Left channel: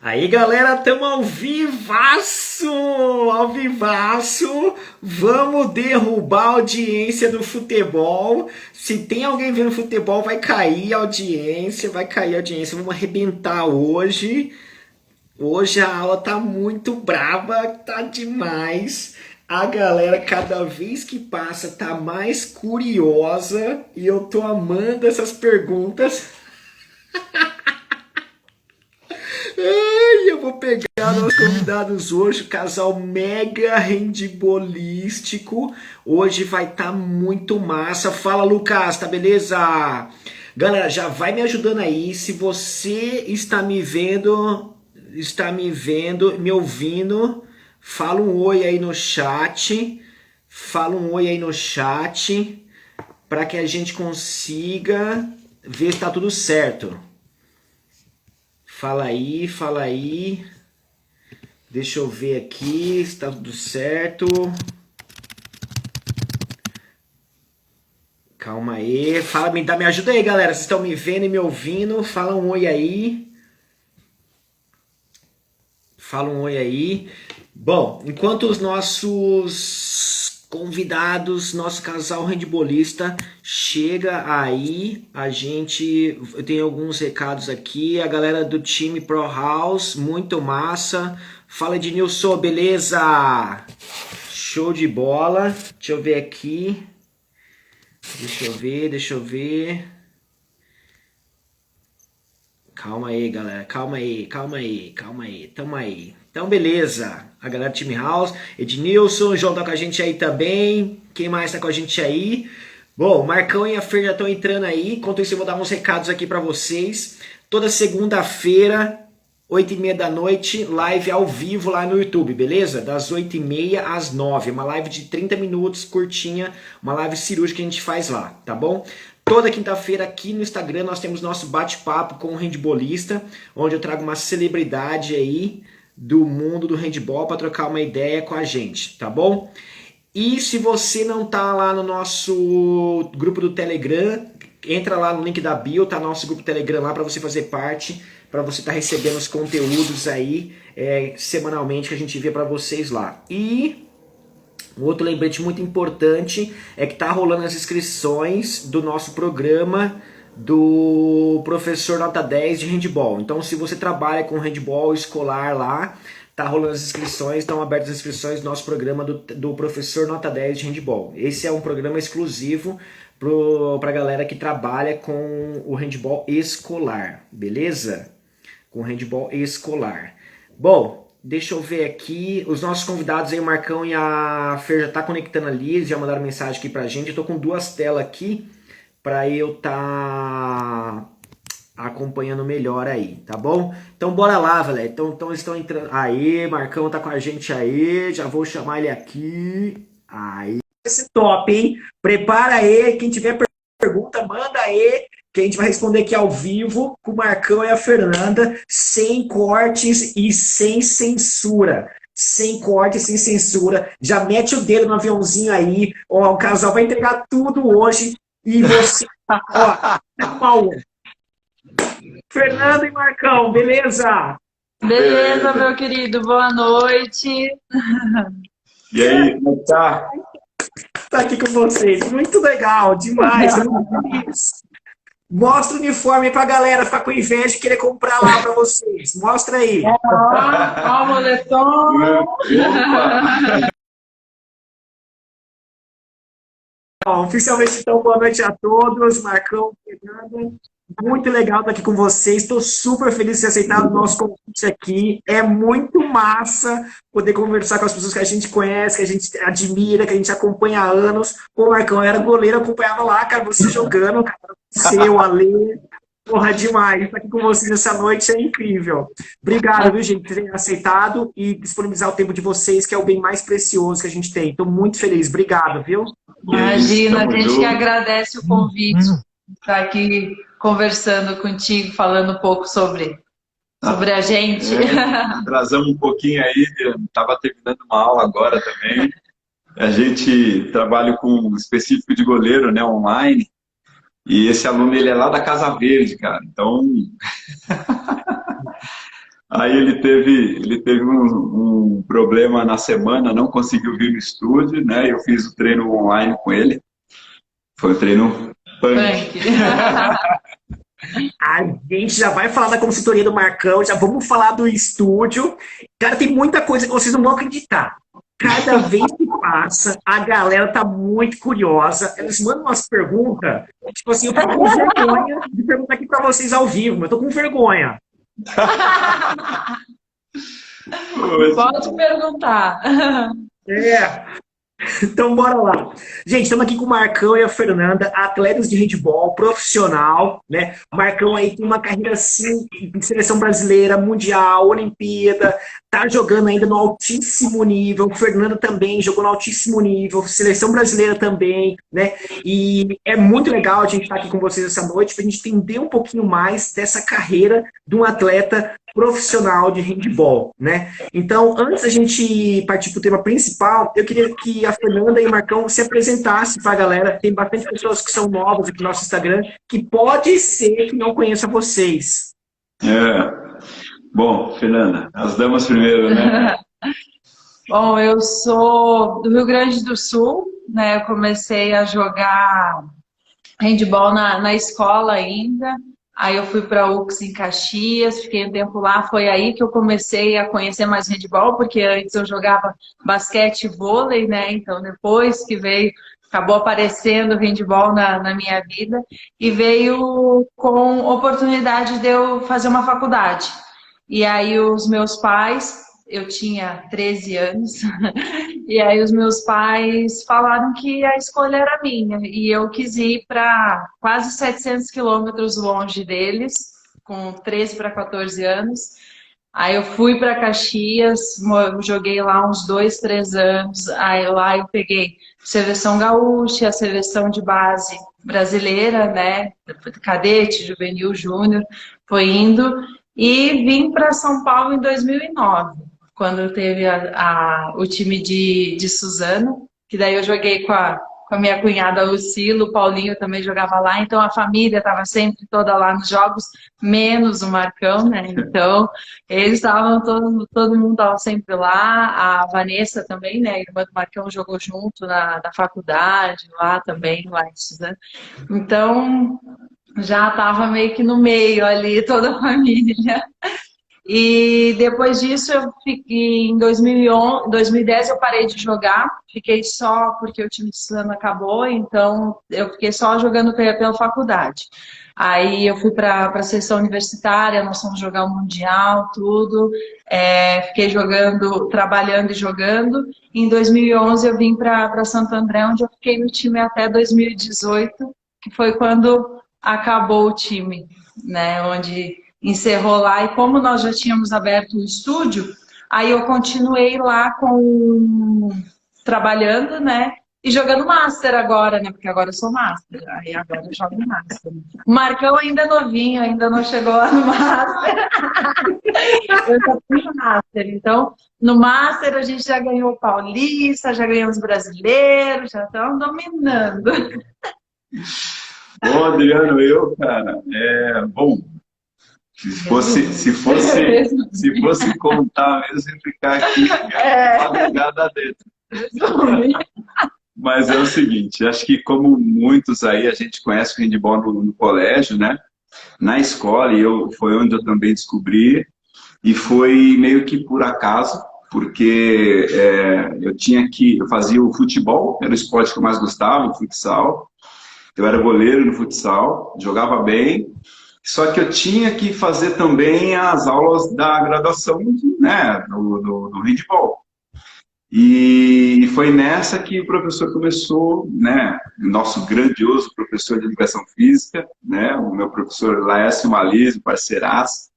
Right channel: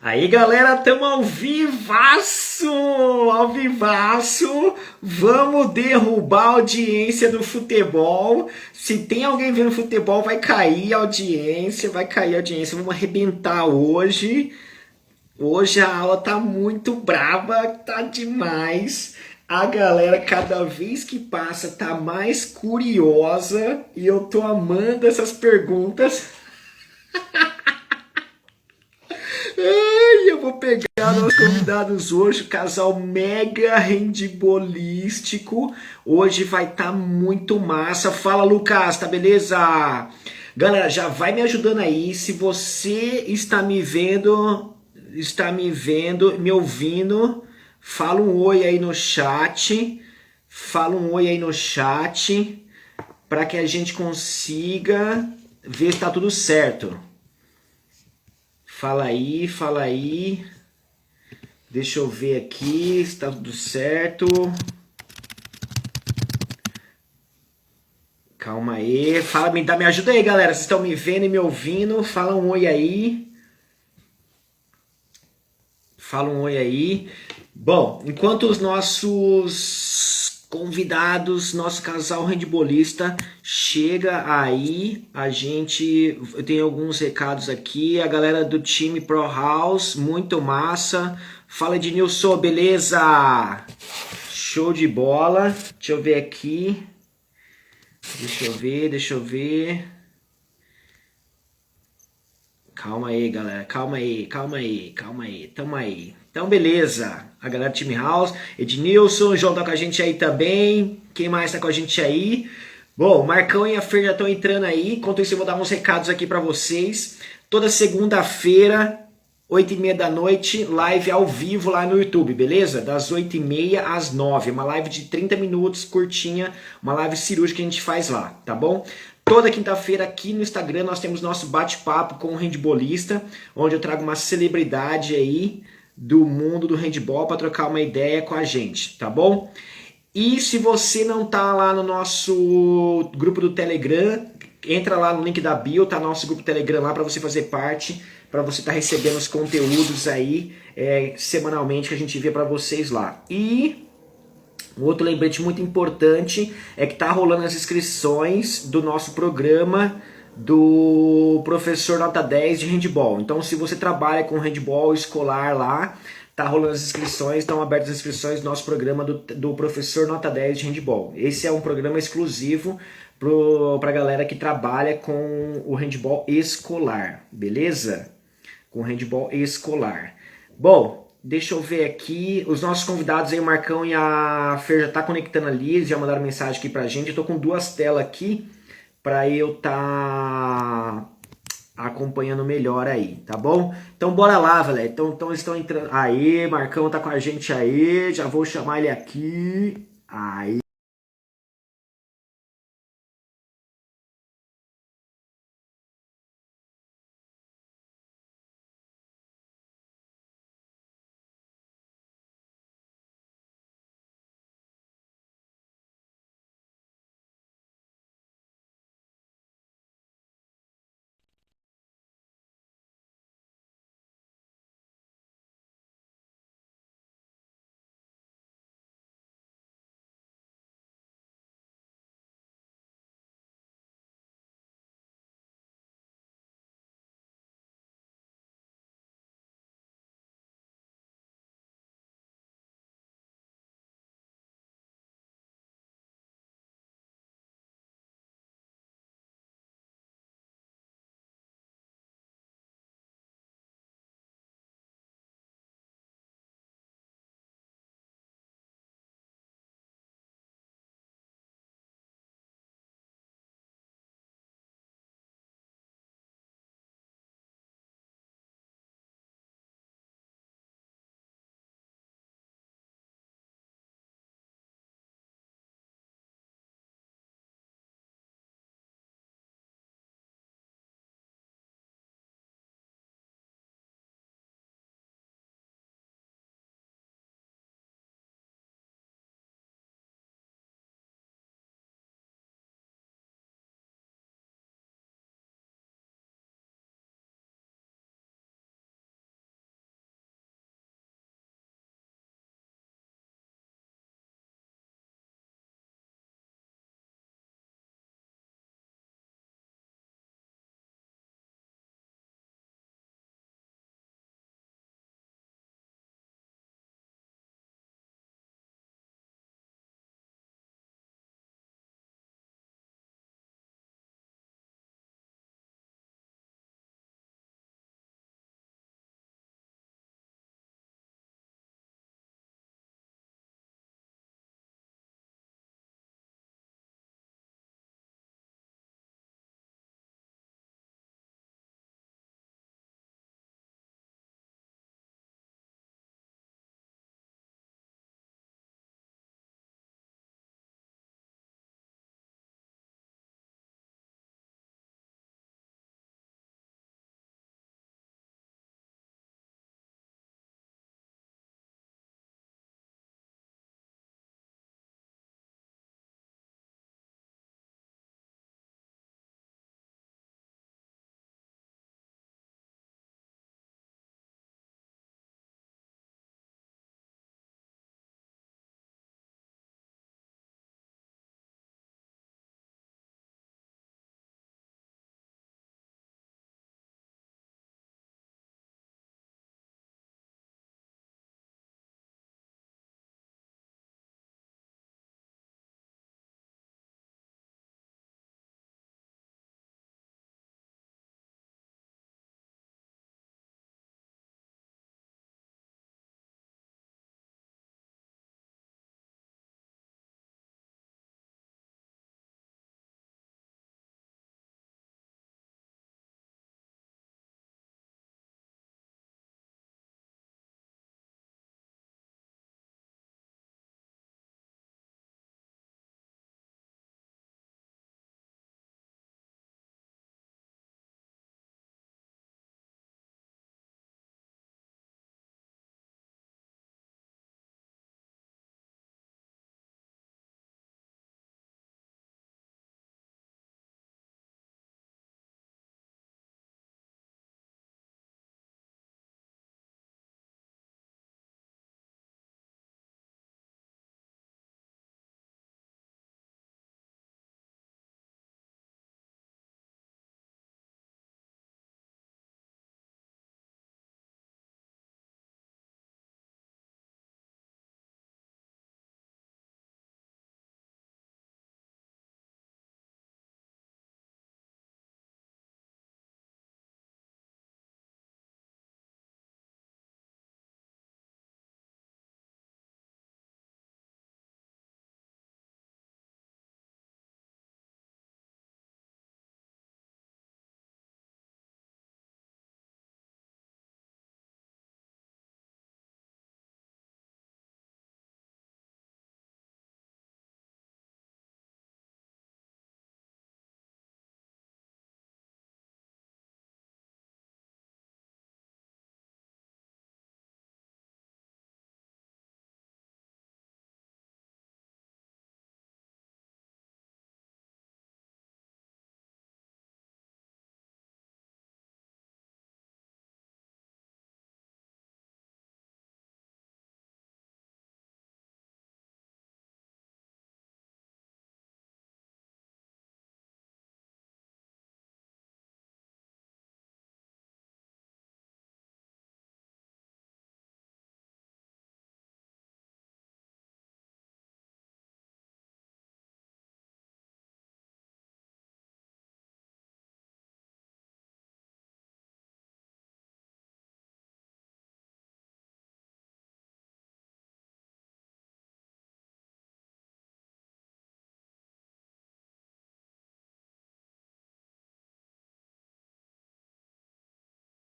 Aí galera, tamo ao vivaço! Ao vivaço! Vamos derrubar a audiência do futebol. Se tem alguém vendo futebol, vai cair a audiência, vai cair a audiência. Vamos arrebentar hoje. Hoje a aula tá muito braba, tá demais. A galera, cada vez que passa, tá mais curiosa e eu tô amando essas perguntas. Ai, eu vou pegar nossos convidados hoje, o casal mega rendibolístico. Hoje vai estar muito massa. Fala, Lucas, tá beleza? Galera, já vai me ajudando aí. Se você está me vendo, me ouvindo, fala um oi aí no chat. Fala um oi aí no chat para que a gente consiga ver se tá tudo certo. Fala aí, fala aí. Deixa eu ver aqui se tá tudo certo. Calma aí. Fala, me ajuda aí, galera. Vocês estão me vendo e me ouvindo? Fala um oi aí. Fala um oi aí. Bom, enquanto os nossos convidados, nosso casal handbolista chega aí, eu tenho alguns recados aqui. A galera do time Pro House, muito massa. Fala, Ednilson, beleza? Show de bola. Deixa eu ver aqui. Deixa eu ver. Calma aí, galera. Calma aí. Tamo aí. Então, beleza. A galera do Time House. Ednilson, o João tá com a gente aí também. Quem mais tá com a gente aí? Bom, o Marcão e a Fer já estão entrando aí. Enquanto isso, eu vou dar uns recados aqui pra vocês. Toda segunda-feira, 8h30 da noite, live ao vivo lá no YouTube, beleza? Das 8h30 às 9h. Uma live de 30 minutos, curtinha. Uma live cirúrgica que a gente faz lá, tá bom? Toda quinta-feira aqui no Instagram nós temos nosso bate-papo com o handbolista, onde eu trago uma celebridade aí do mundo do handball para trocar uma ideia com a gente, tá bom? E se você não tá lá no nosso grupo do Telegram, entra lá no link da bio, tá nosso grupo do Telegram lá para você fazer parte, para você estar recebendo os conteúdos aí semanalmente que a gente envia para vocês lá. E um outro lembrete muito importante é que tá rolando as inscrições do nosso programa do professor nota 10 de handball. Então, se você trabalha com handball escolar lá, tá rolando as inscrições, estão abertas as inscrições do nosso programa do professor nota 10 de handball. Esse é um programa exclusivo para a galera que trabalha com o handball escolar, beleza? Com handball escolar. Bom, deixa eu ver aqui. Os nossos convidados aí, o Marcão e a Fer já tá conectando ali, eles já mandaram mensagem aqui pra gente. Eu tô com duas telas aqui pra eu tá acompanhando melhor aí, tá bom? Então bora lá, galera. Então eles estão entrando. Aí, Marcão tá com a gente aí. Já vou chamar ele aqui. Aí. Esse top, hein? Prepara aí. Quem tiver pergunta, manda aí que a gente vai responder aqui ao vivo com o Marcão e a Fernanda, sem cortes e sem censura. Sem corte, sem censura. Já mete o dedo no aviãozinho aí. Ó, o casal vai entregar tudo hoje. E você, ó, Paulo, Fernanda e Marcão, beleza? Beleza, meu querido, boa noite. E aí, como tá? Tá aqui com vocês. Muito legal, demais. Mostra o uniforme pra galera ficar com inveja e querer comprar lá pra vocês. Mostra aí. Ó, o moletom. Bom, oficialmente, então, boa noite a todos. Marcão, Fernanda. Muito legal estar aqui com vocês. Estou super feliz de ter aceitado o nosso convite aqui. É muito massa poder conversar com as pessoas que a gente conhece, que a gente admira, que a gente acompanha há anos. Pô, Marcão, eu era goleiro, acompanhava lá, cara, você jogando, cara, você, o Alê. Porra, demais. Estar aqui com vocês essa noite é incrível. Obrigado, viu, gente, por terem aceitado e disponibilizar o tempo de vocês, que é o bem mais precioso que a gente tem. Estou muito feliz. Obrigado, viu? Imagina, a gente que agradece o convite, estar aqui conversando contigo, falando um pouco sobre a gente. Trazamos um pouquinho aí, estava terminando uma aula agora também. A gente trabalha com um específico de goleiro, né, online, e esse aluno ele é lá da Casa Verde, cara. Então, Aí ele teve um problema na semana, não conseguiu vir no estúdio, né? Eu fiz o treino online com ele. Foi um treino punk. Punk. A gente já vai falar da consultoria do Marcão, já vamos falar do estúdio. Cara, tem muita coisa que vocês não vão acreditar. Cada vez que passa, a galera tá muito curiosa. Eles mandam umas perguntas. Tipo assim, eu tô com vergonha de perguntar aqui pra vocês ao vivo, mas eu tô com vergonha. Pode perguntar. É. Então, bora lá. Gente, estamos aqui com o Marcão e a Fernanda, atletas de handebol profissional, né? O Marcão aí tem uma carreira, assim, em seleção brasileira, mundial, Olimpíada, tá jogando ainda no altíssimo nível. Fernanda também jogou no altíssimo nível, seleção brasileira também, né? E é muito legal a gente estar aqui com vocês essa noite para a gente entender um pouquinho mais dessa carreira de um atleta profissional de handebol, né? Então, antes da gente partir para o tema principal, eu queria que a Fernanda e o Marcão se apresentassem para a galera. Tem bastante pessoas que são novas aqui no nosso Instagram, que pode ser que não conheça vocês. Bom, Fernanda, as damas primeiro, né? Bom, eu sou do Rio Grande do Sul, né? Eu comecei a jogar handball na escola ainda. Aí eu fui para a UX em Caxias, fiquei um tempo lá. Foi aí que eu comecei a conhecer mais handball, porque antes eu jogava basquete e vôlei, né? Então depois que veio, acabou aparecendo o handball na minha vida e veio com oportunidade de eu fazer uma faculdade. E aí os meus pais, eu tinha 13 anos, e aí os meus pais falaram que a escolha era minha. E eu quis ir para quase 700 quilômetros longe deles, com 13 para 14 anos. Aí eu fui para Caxias, joguei lá uns 2, 3 anos. Aí lá eu peguei seleção gaúcha, a seleção de base brasileira, né? Cadete, juvenil, júnior, foi indo. E vim para São Paulo em 2009, quando teve o time de Suzano, que daí eu joguei com a minha cunhada Lucila, o Paulinho também jogava lá, então a família estava sempre toda lá nos jogos, menos o Marcão, né? Então, eles estavam, todo mundo estava sempre lá, a Vanessa também, né? A irmã do Marcão jogou junto na faculdade, lá também, lá em Suzano. Então, já estava meio que no meio ali, toda a família. E depois disso, eu fiquei em 2011, 2010 eu parei de jogar, fiquei só porque o time de Suzano acabou, então eu fiquei só jogando pela faculdade. Aí eu fui para a seleção universitária, nós fomos jogar o Mundial, tudo. Fiquei jogando, trabalhando e jogando. Em 2011 eu vim para Santo André, onde eu fiquei no time até 2018, que foi quando acabou o time, né? Onde encerrou lá. E como nós já tínhamos aberto o estúdio, aí eu continuei lá trabalhando, né? E jogando Master agora, né? Porque agora eu sou Master. Aí agora eu jogo Master. O Marcão ainda é novinho, ainda não chegou lá no Master. Eu já fui no Master. Então, no Master a gente já ganhou o Paulista, já ganhamos brasileiro, já estamos dominando. Bom, Adriano, cara, bom, se fosse contar mesmo, ia ficar aqui, madrugada dentro. Mas é o seguinte, acho que como muitos aí, a gente conhece o handball no colégio, né? Na escola, foi onde eu também descobri, e foi meio que por acaso, porque eu fazia o futebol, era o esporte que eu mais gostava, o futsal. Eu era goleiro no futsal, jogava bem, só que eu tinha que fazer também as aulas da graduação, né, do handball. E foi nessa que o professor começou, né, o nosso grandioso professor de educação física, né, o meu professor Laércio Malise, parceiraço,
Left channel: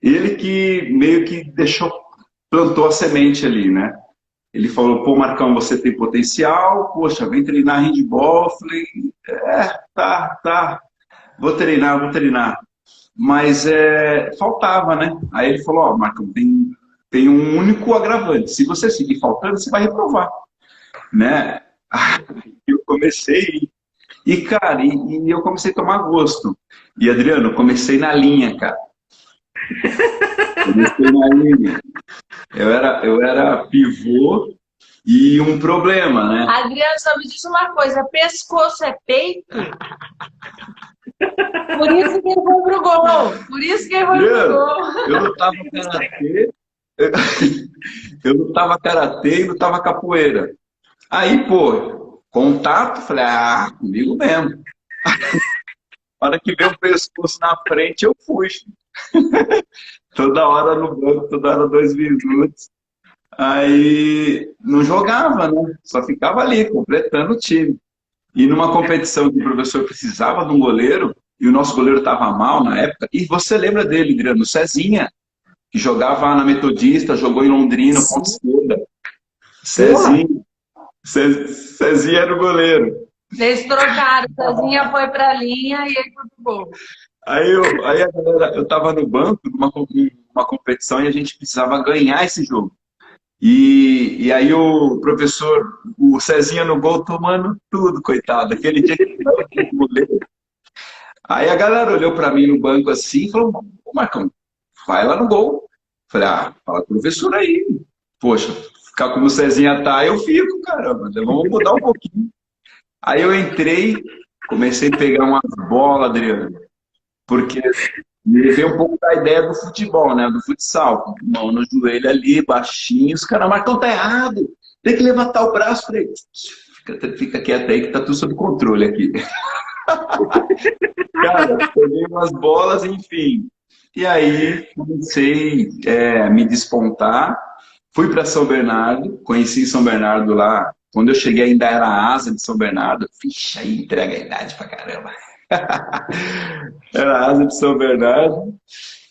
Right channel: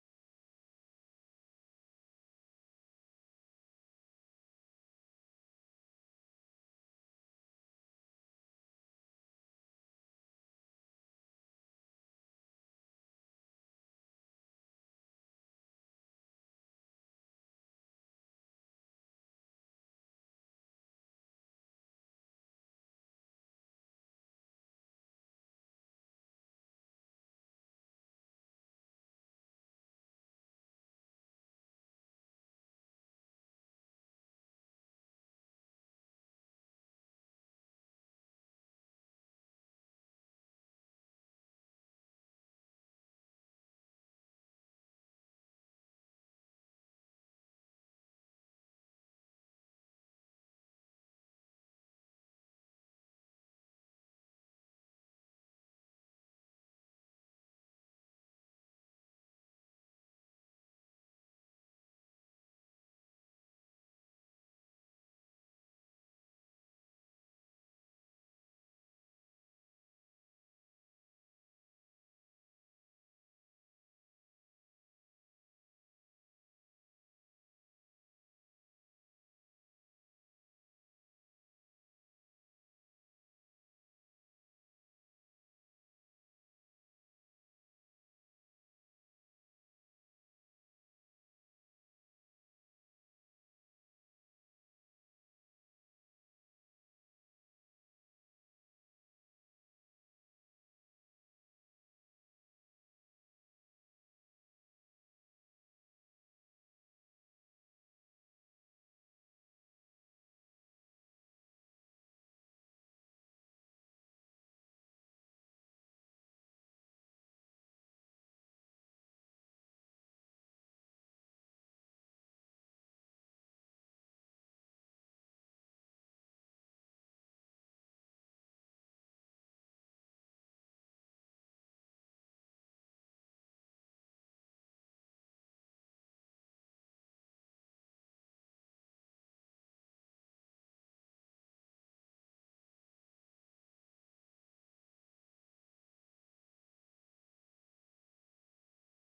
ele que meio que plantou a semente ali, né? Ele falou, pô, Marcão, você tem potencial, poxa, vem treinar handball. Eu falei, tá, vou treinar. Mas faltava, né? Aí ele falou, ó, Marcão, tem um único agravante. Se você seguir faltando, você vai reprovar, né? Eu comecei, cara, e eu comecei a tomar gosto. E, Adriano, comecei na linha, cara. Comecei na linha. Eu era pivô e um problema, né? Adriano, só me diz uma coisa: pescoço é peito? Por isso que ele foi pro gol. Por isso que ele foi pro Adriano, gol. eu lutava karatê, eu lutava karatê e lutava capoeira. Aí, pô, contato, falei, comigo mesmo. Na hora que veio o pescoço na frente, eu fui. Toda hora no banco, toda hora 2 minutos. Aí não jogava, né? Só ficava ali, completando o time. E numa competição que o professor precisava de um goleiro, e o nosso goleiro estava mal na época, e você lembra dele, Adriano, o Cezinha, que jogava na Metodista, jogou em Londrina, ponta esquerda. Porra! Cezinha, Cezinha era o goleiro. Eles trocaram. Cezinha foi pra linha e ele foi pro gol. Aí a galera, eu estava no banco numa competição e a gente precisava ganhar esse jogo. E aí o professor, o Cezinha no gol tomando tudo, coitado. Aquele dia que ele foi pro goleiro. Aí a galera olhou para mim no banco assim e falou: Ô Marcão, vai lá no gol. Falei: fala com o professor aí. Poxa, ficar como o Cezinha tá, eu fico, caramba. Vamos mudar um pouquinho. Aí eu entrei, comecei a pegar umas bolas, Adriano, porque me veio um pouco da ideia do futebol, né? Do futsal. Mão no joelho ali, baixinho. Os caras, Marcão, tá errado. Tem que levantar o braço. Falei: fica quieto aí que tá tudo sob controle aqui. Cara, peguei umas bolas, enfim. E aí comecei a me despontar. Fui para São Bernardo, conheci São Bernardo lá. Quando eu cheguei ainda era a asa de São Bernardo. Vixe, aí entrega a idade pra caramba. Era a asa de São Bernardo.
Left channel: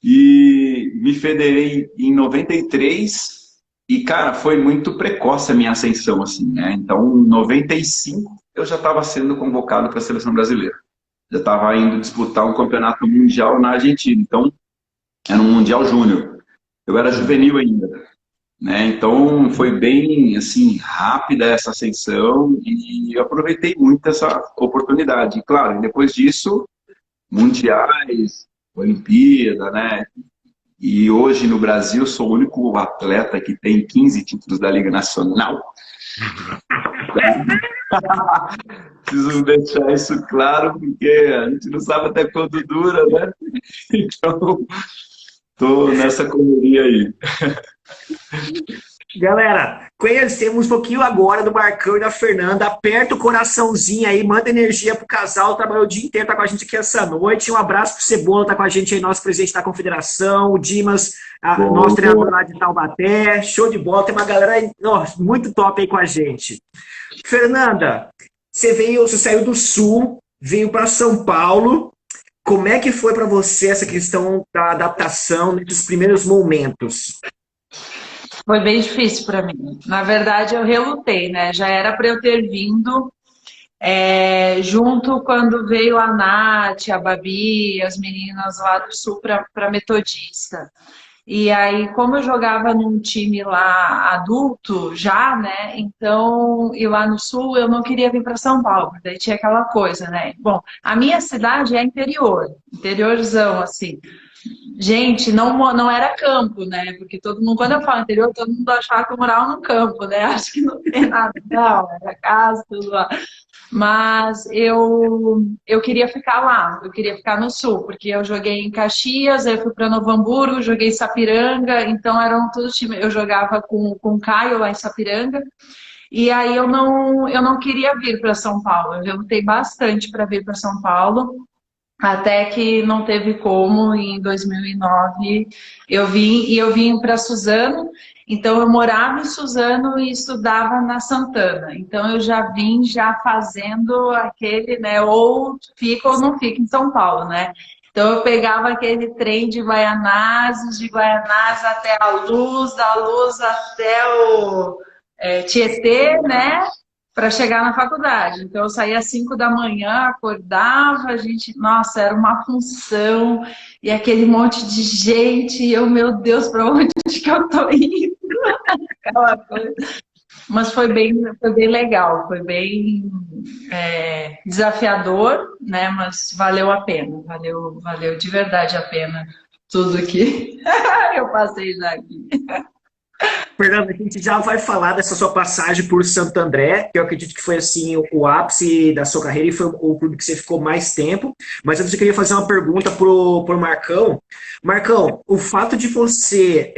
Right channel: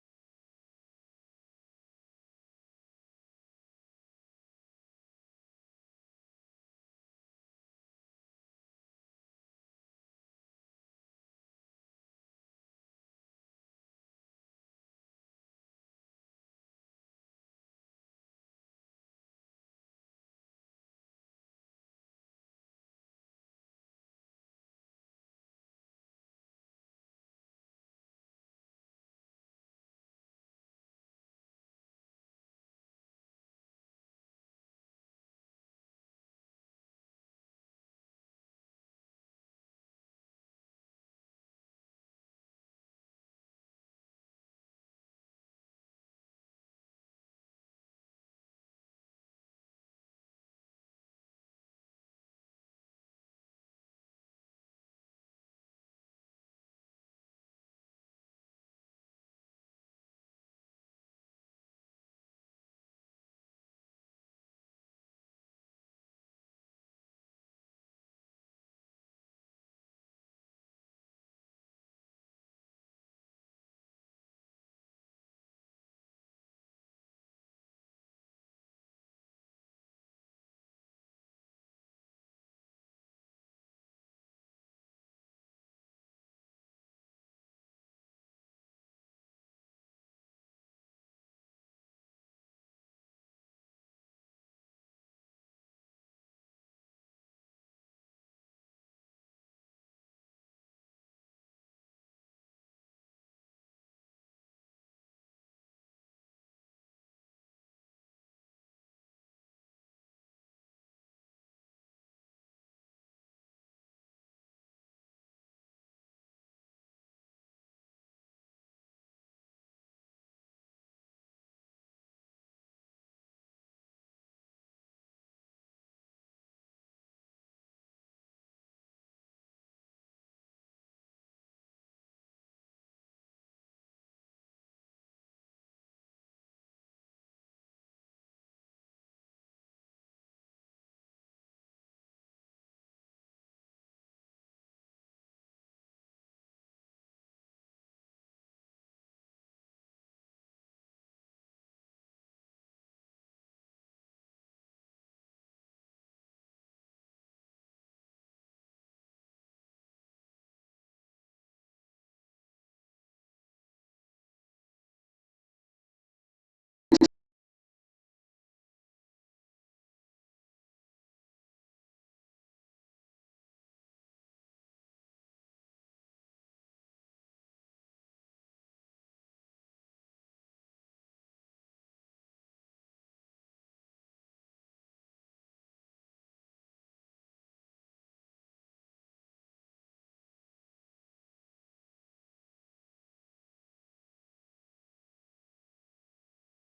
E me federei em 93. E, cara, foi muito precoce a minha ascensão, assim, né? Então, em 95, eu já estava sendo convocado para a seleção brasileira. Já estava indo disputar um campeonato mundial na Argentina. Então, era um mundial júnior. Eu era juvenil ainda, né? Então, foi bem, assim, rápida essa ascensão e eu aproveitei muito essa oportunidade. E, claro, depois disso, mundiais, Olimpíada, né? E hoje no Brasil sou o único atleta que tem 15 títulos da Liga Nacional. Preciso deixar isso claro, porque a gente não sabe até quando dura, né? Então, tô nessa correria aí. Galera, conhecemos um pouquinho agora do Marcão e da Fernanda. Aperta o coraçãozinho aí, manda energia pro casal. Trabalhou o dia inteiro, tá com a gente aqui essa noite. Um abraço pro Cebola, tá com a gente aí, nosso presidente da confederação. O Dimas, nosso treinador Bom, lá de Taubaté. Show de bola, tem uma galera aí, muito top aí com a gente. Fernanda, você saiu do Sul, veio para São Paulo. Como é que foi para você essa questão da adaptação nesses primeiros momentos? Foi bem difícil para mim. Na verdade, eu relutei, né? Já era para eu ter vindo junto quando veio a Nath, a Babi, as meninas lá do Sul para Metodista. E aí, como eu jogava num time lá adulto já, né? Então, e lá no Sul eu não queria vir para São Paulo, daí tinha aquela coisa, né? Bom, a minha cidade é interior, interiorzão, assim. Gente, não era campo, né? Porque todo mundo, quando eu falo interior, todo mundo achava que eu morava no campo, né? Acho que não tem nada, não, era casa, tudo lá. Mas eu queria ficar lá, eu queria ficar no sul, porque eu joguei em Caxias, aí eu fui para Novo Hamburgo, joguei em Sapiranga, então eram todos times. Eu jogava com o Caio lá em Sapiranga, e aí eu não queria vir para São Paulo. Eu lutei bastante para vir para São Paulo. Até que não teve como, em 2009 eu vim para Suzano, então eu morava em Suzano e estudava na Santana. Então eu já vim já fazendo aquele, né, ou fica ou não fica em São Paulo, né? Então eu pegava aquele trem de Guaianazes até a Luz, da Luz até o Tietê, né? Para chegar na faculdade. Então, eu saía às 5 da manhã, acordava, a gente, nossa, era uma função, e aquele monte de gente, e eu, meu Deus, para onde que eu tô indo? Aquela coisa. Mas foi bem legal, foi bem desafiador, né? Mas valeu a pena, valeu de verdade a pena. tudo aqui. Eu passei já aqui. Fernando, a gente já vai falar dessa sua passagem por Santo André, que eu acredito que foi assim o ápice da sua carreira e foi o clube que você ficou mais tempo. Mas antes eu queria fazer uma pergunta pro Marcão. Marcão, o fato de você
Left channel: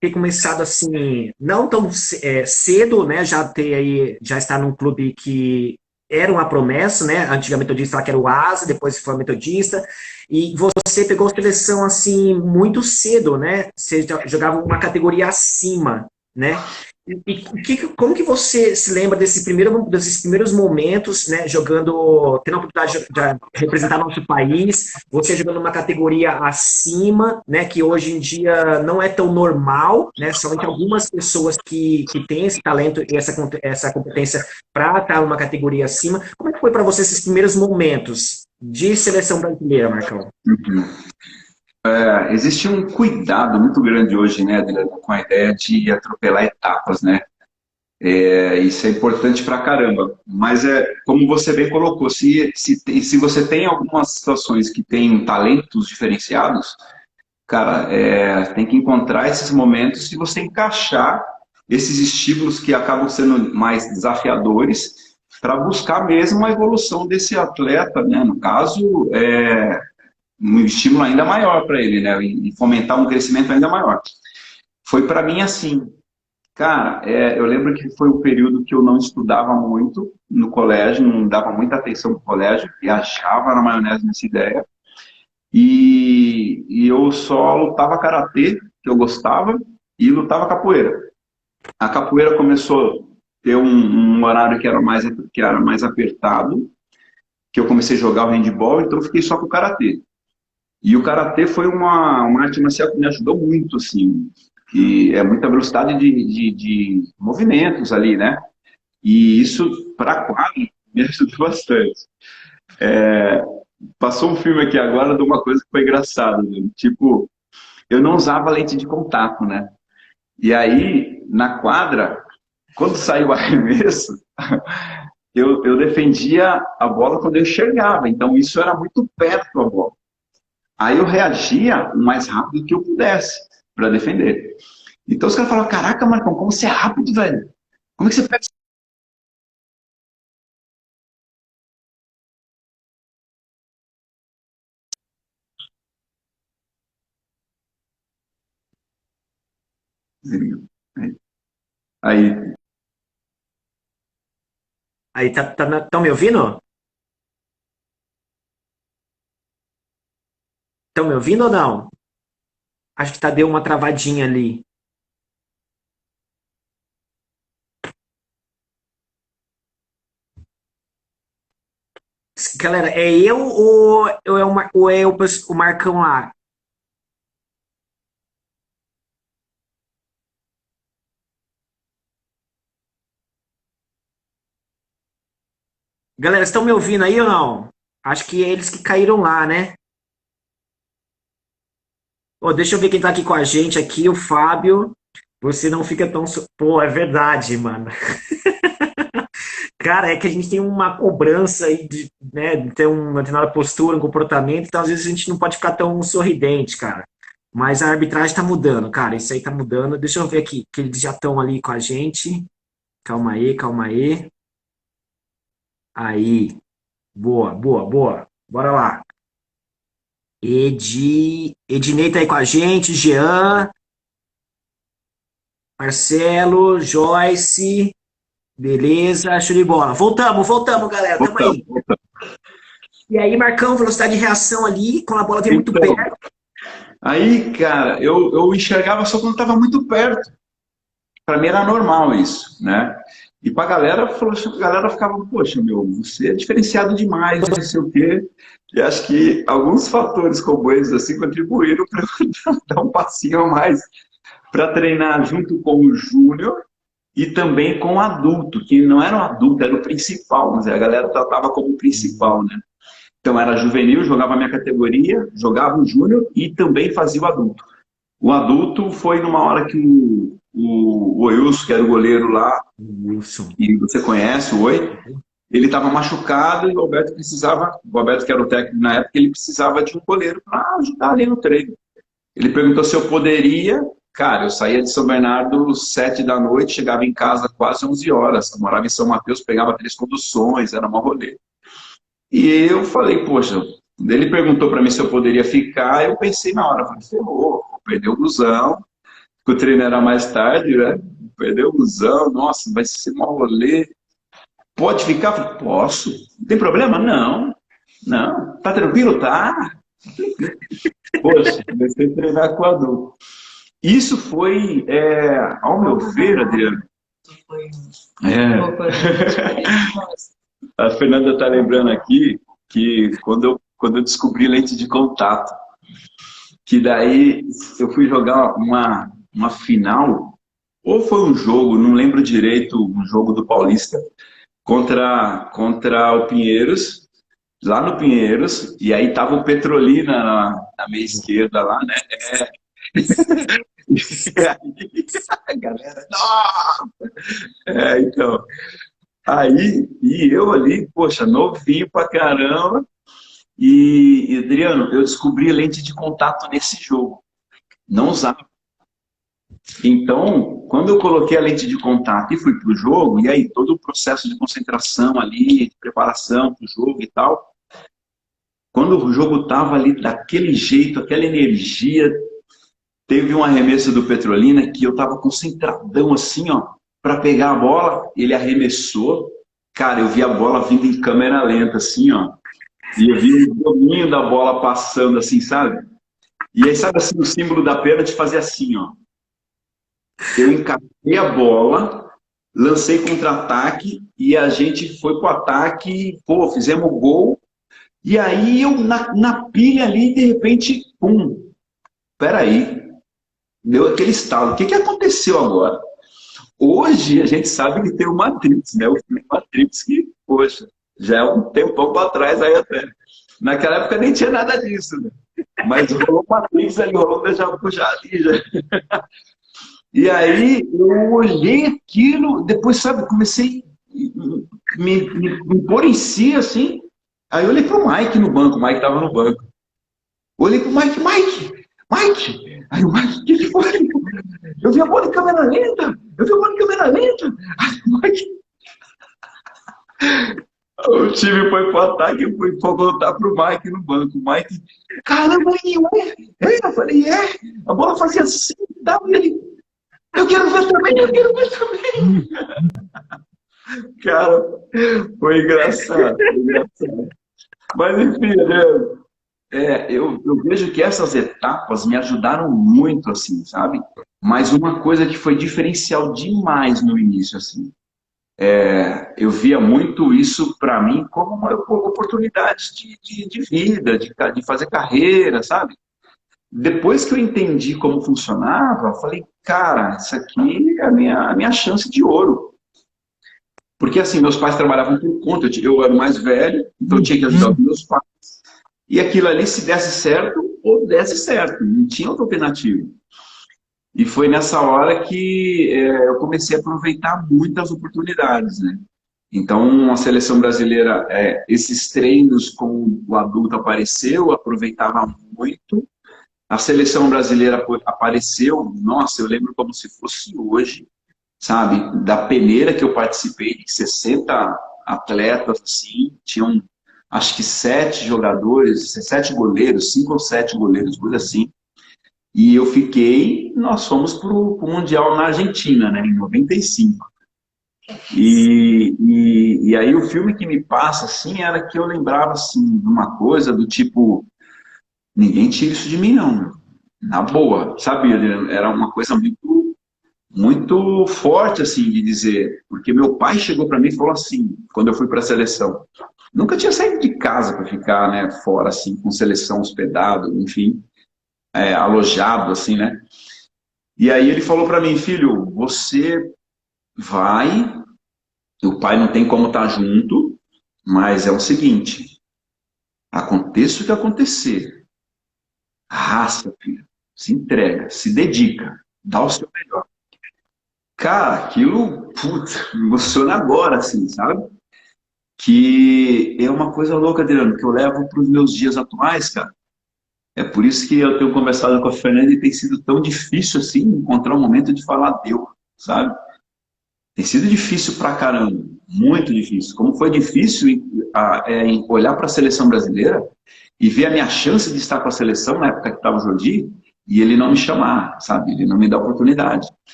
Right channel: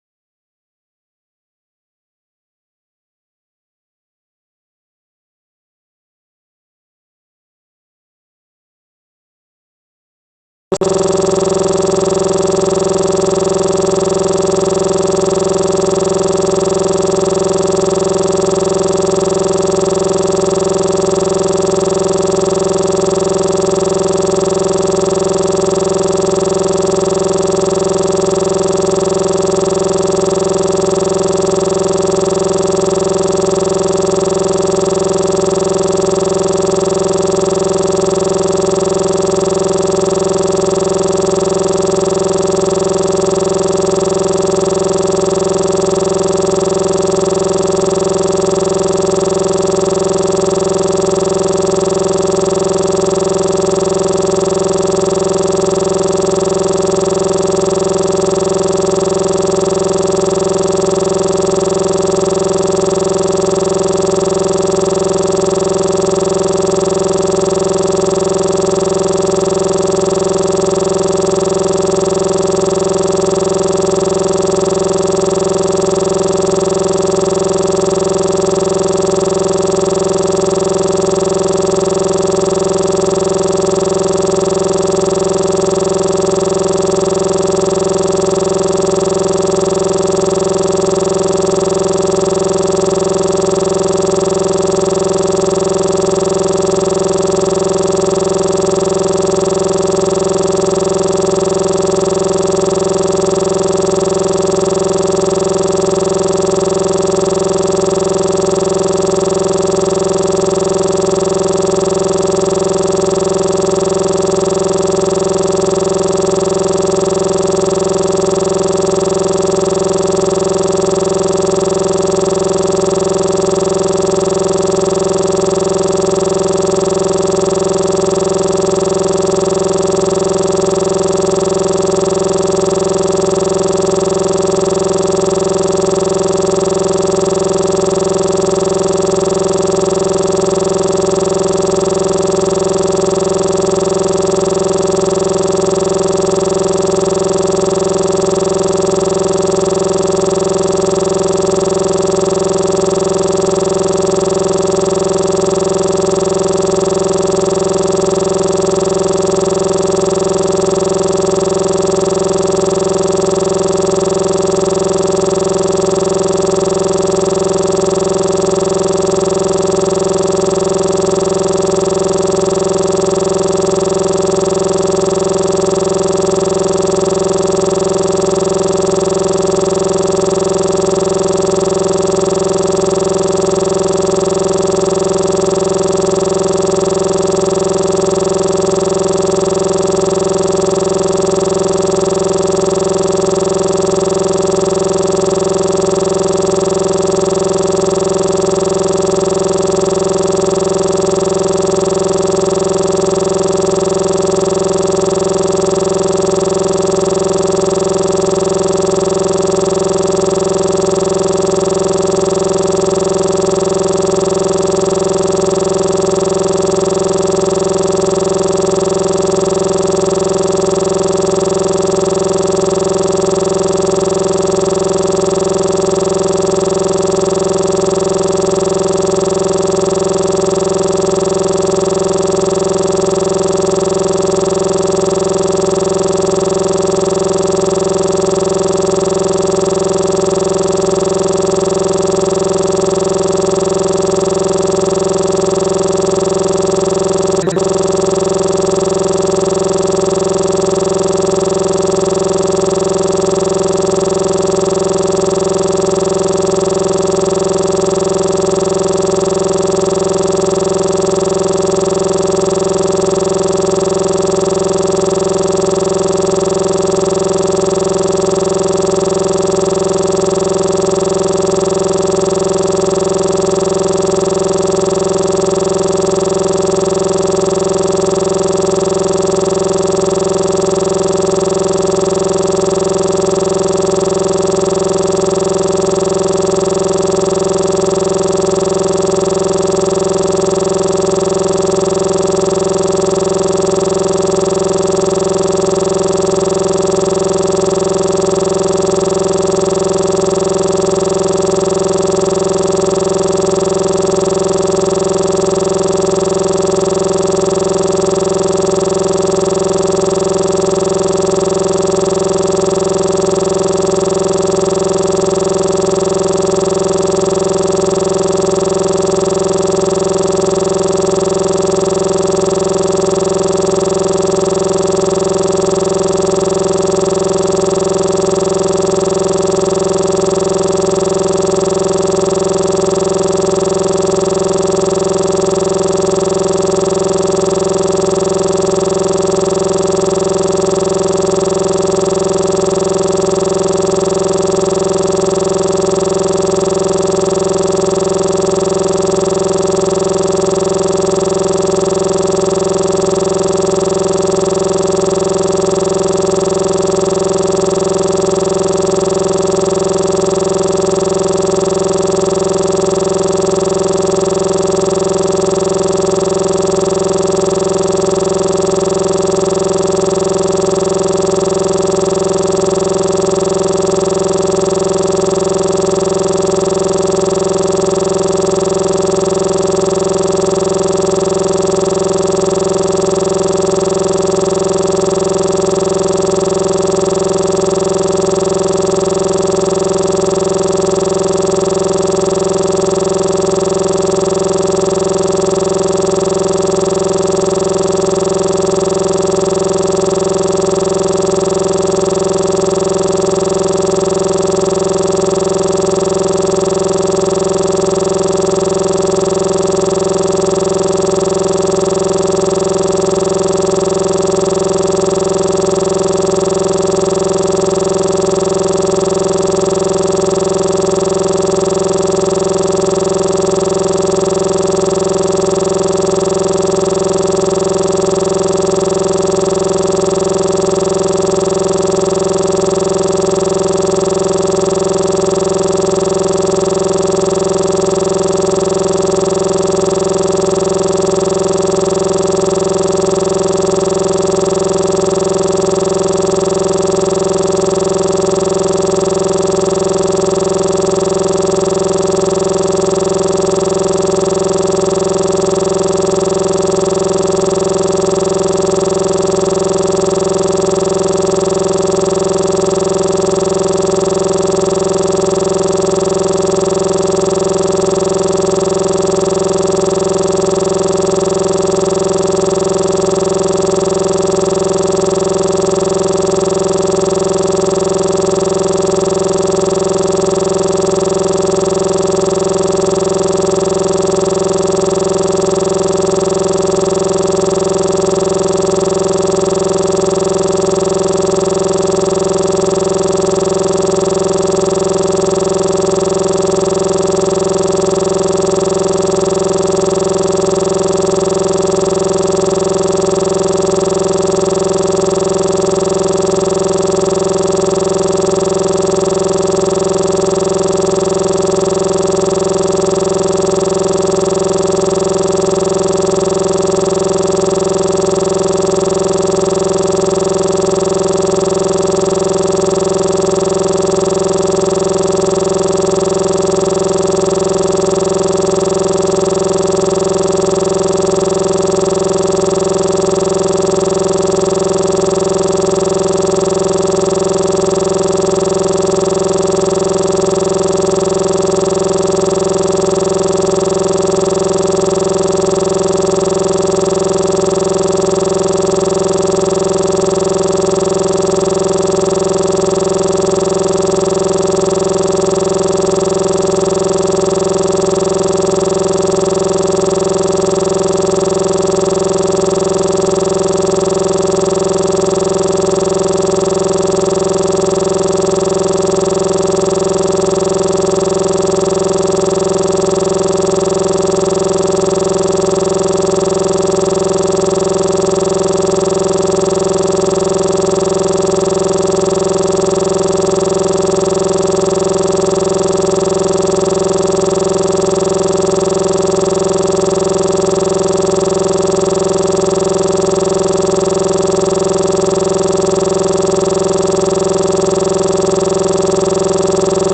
ter começado assim, não tão cedo, né? Já ter aí, já estar num clube que era uma promessa, né? Antigamente eu disse lá que era o Asa, depois foi metodista. E você pegou seleção assim muito cedo, né? Você já jogava uma categoria acima, né? Como que você se lembra desses primeiros momentos, né? Jogando, tendo a oportunidade de representar nosso país, você jogando uma categoria acima, né? Que hoje em dia não é tão normal, né? Só que algumas pessoas que têm esse talento, que têm essa competência para estar numa categoria acima. Como foi para você esses primeiros momentos de seleção brasileira, Marcão? Existe um cuidado muito grande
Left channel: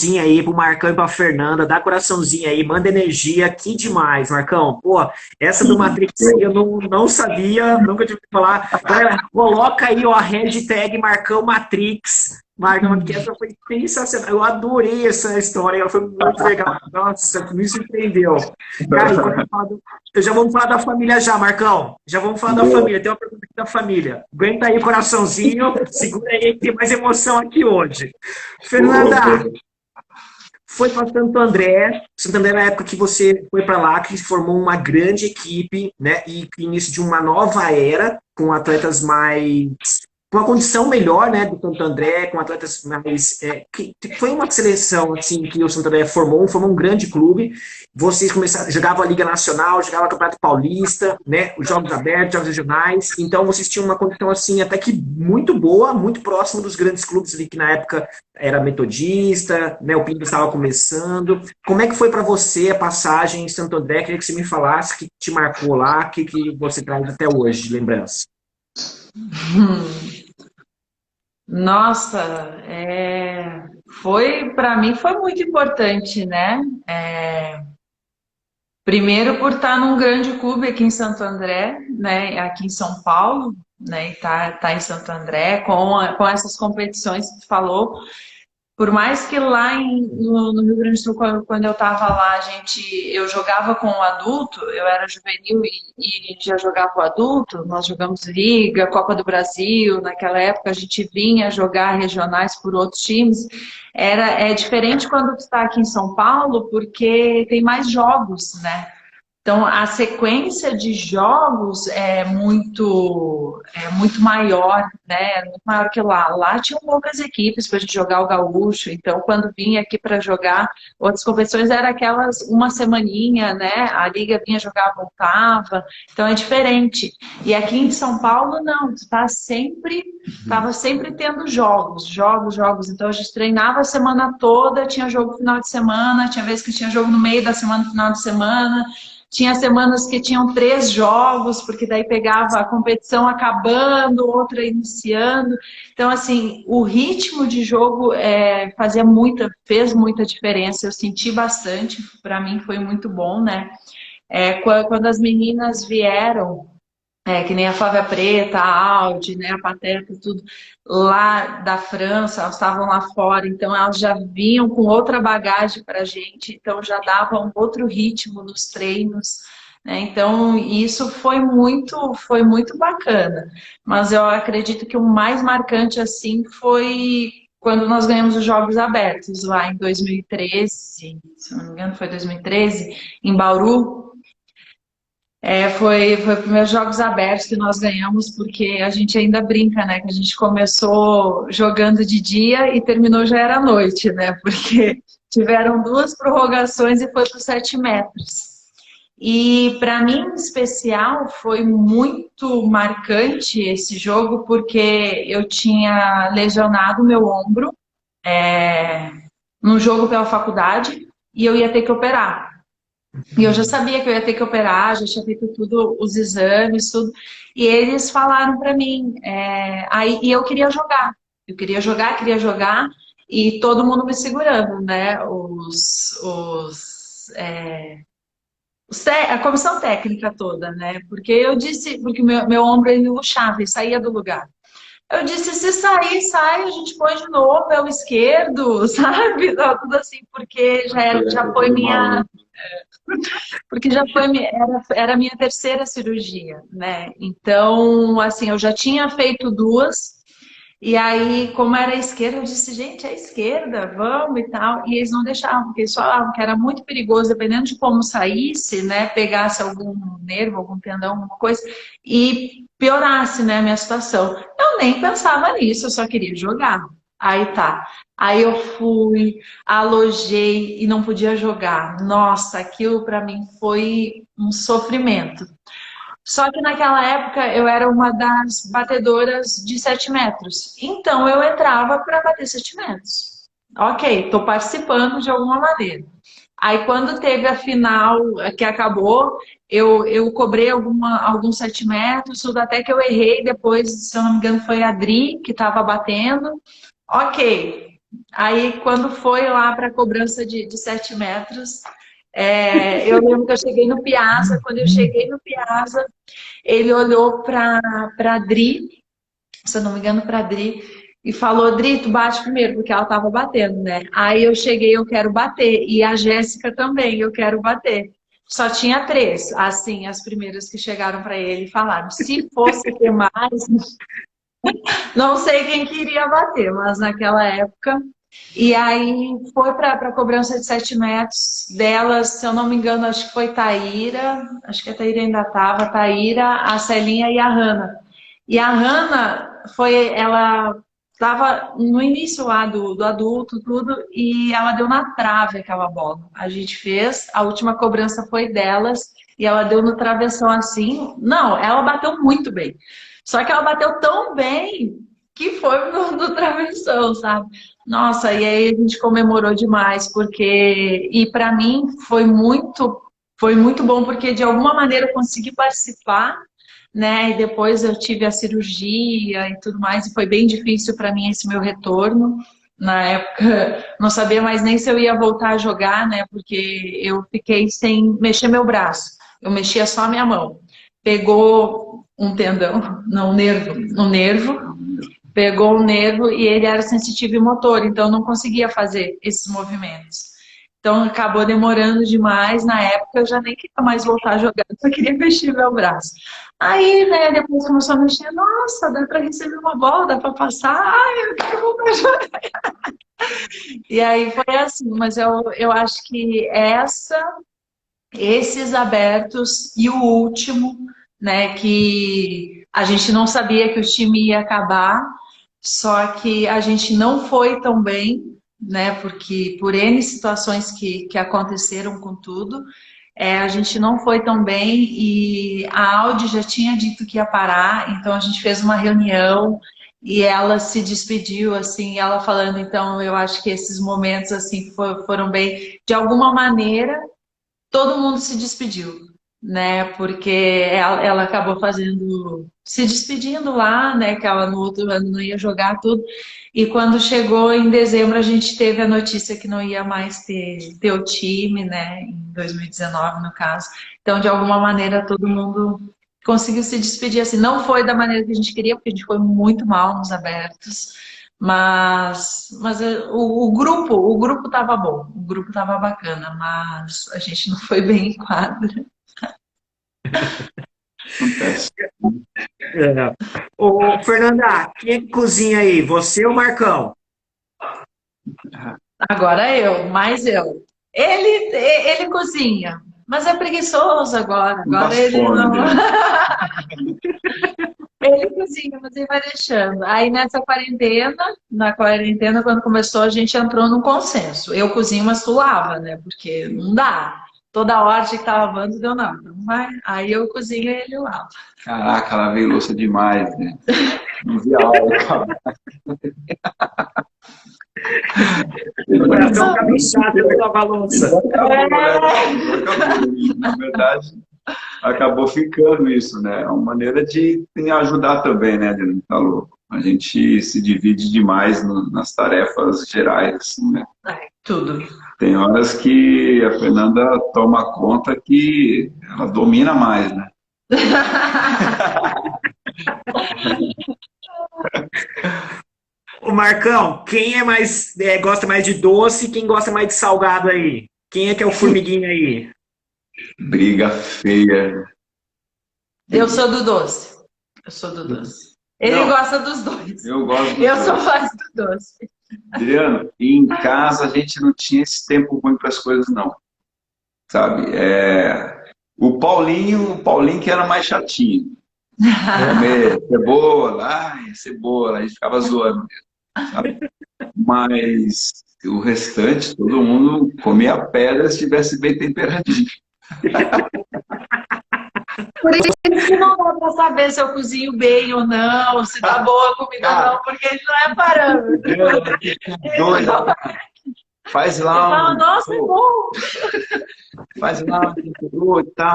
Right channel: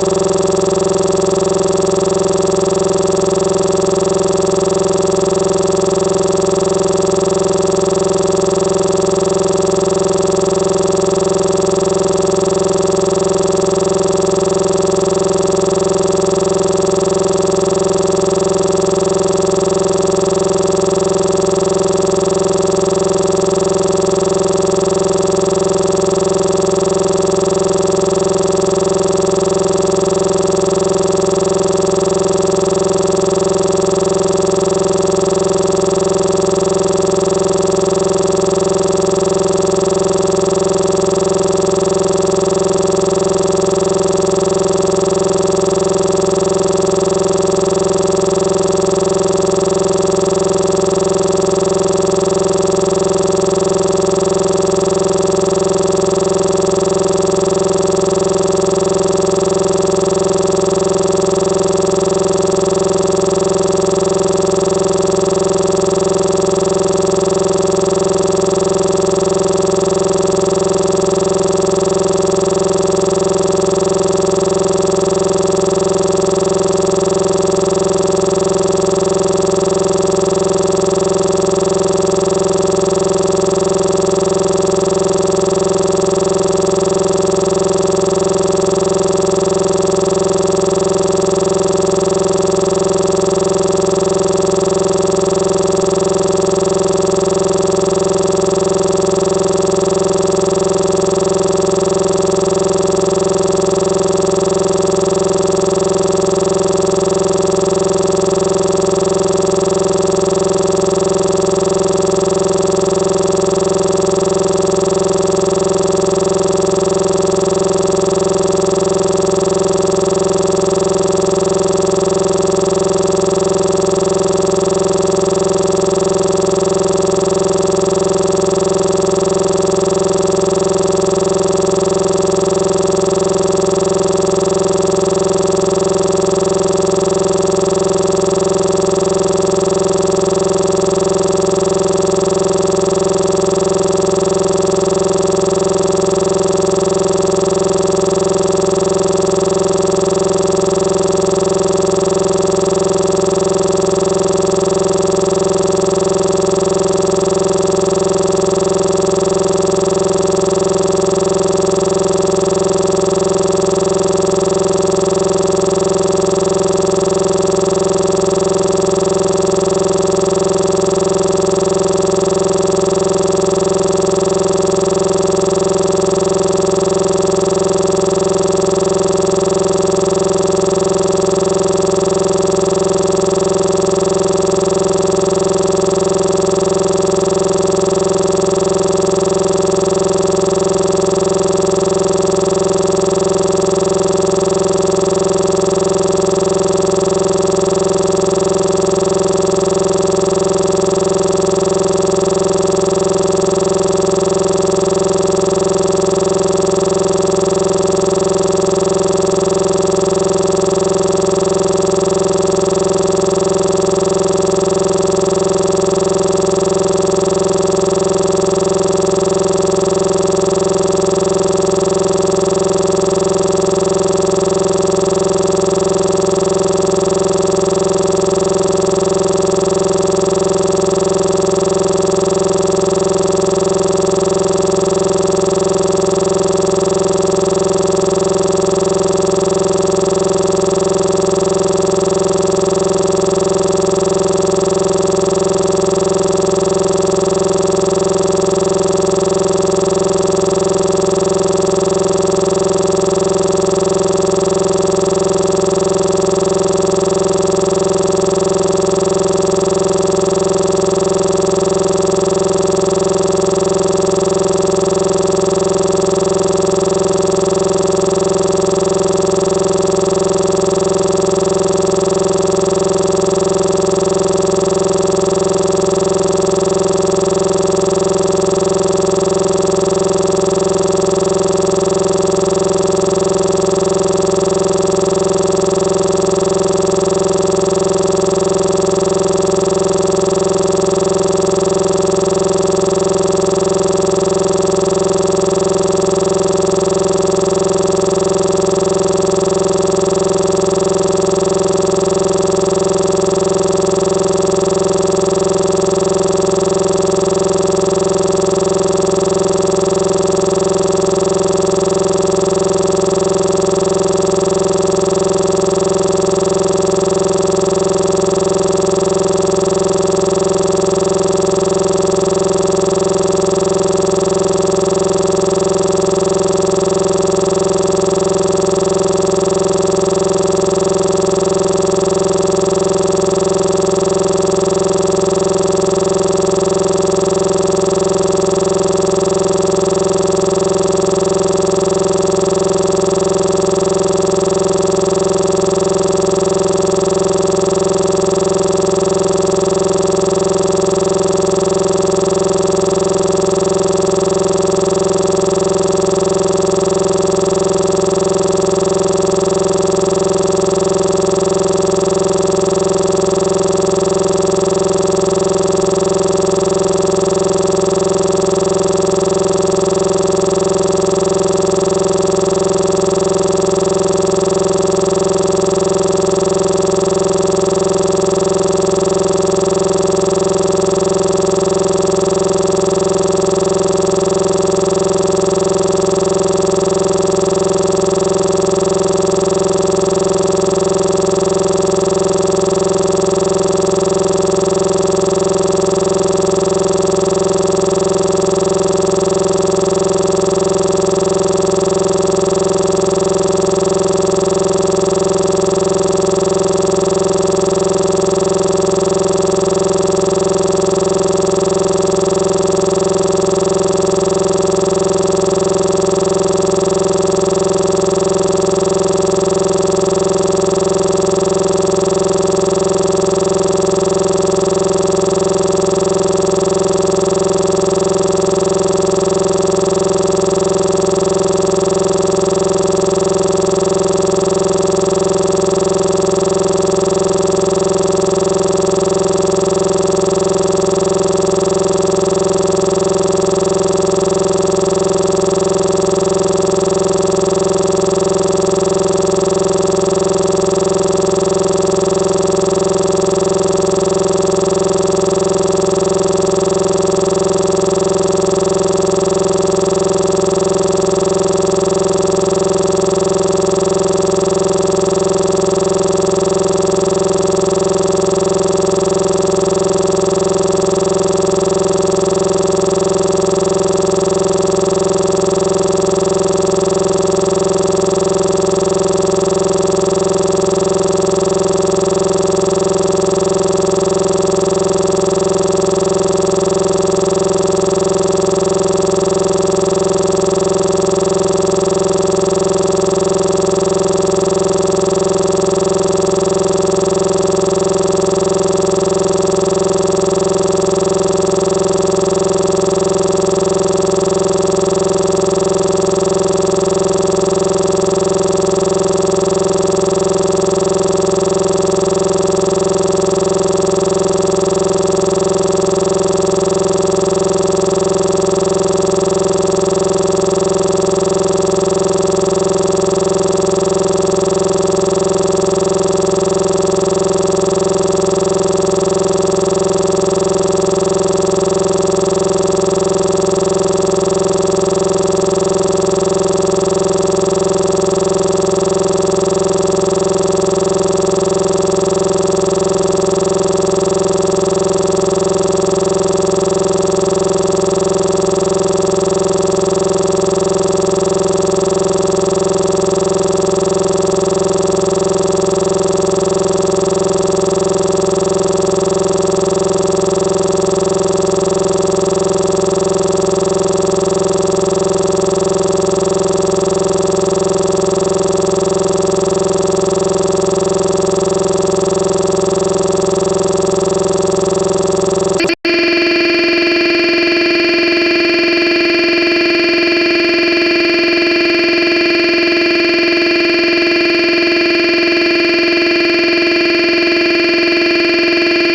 coraçãozinho aí pro Marcão e pra Fernanda, dá coraçãozinho aí, manda energia, que demais, Marcão. Pô, essa do Matrix aí eu não sabia, nunca tinha ouvido falar. Galera, coloca aí, ó, a hashtag Marcão Matrix. Marcão, sensacional, eu adorei essa história, foi muito legal. Nossa, me surpreendeu. Cara, eu já vamos falar da família já, Marcão. Já vamos falar da família, tem uma pergunta da família. Aguenta aí, coraçãozinho, segura aí que tem mais emoção aqui hoje. Fernanda, foi passando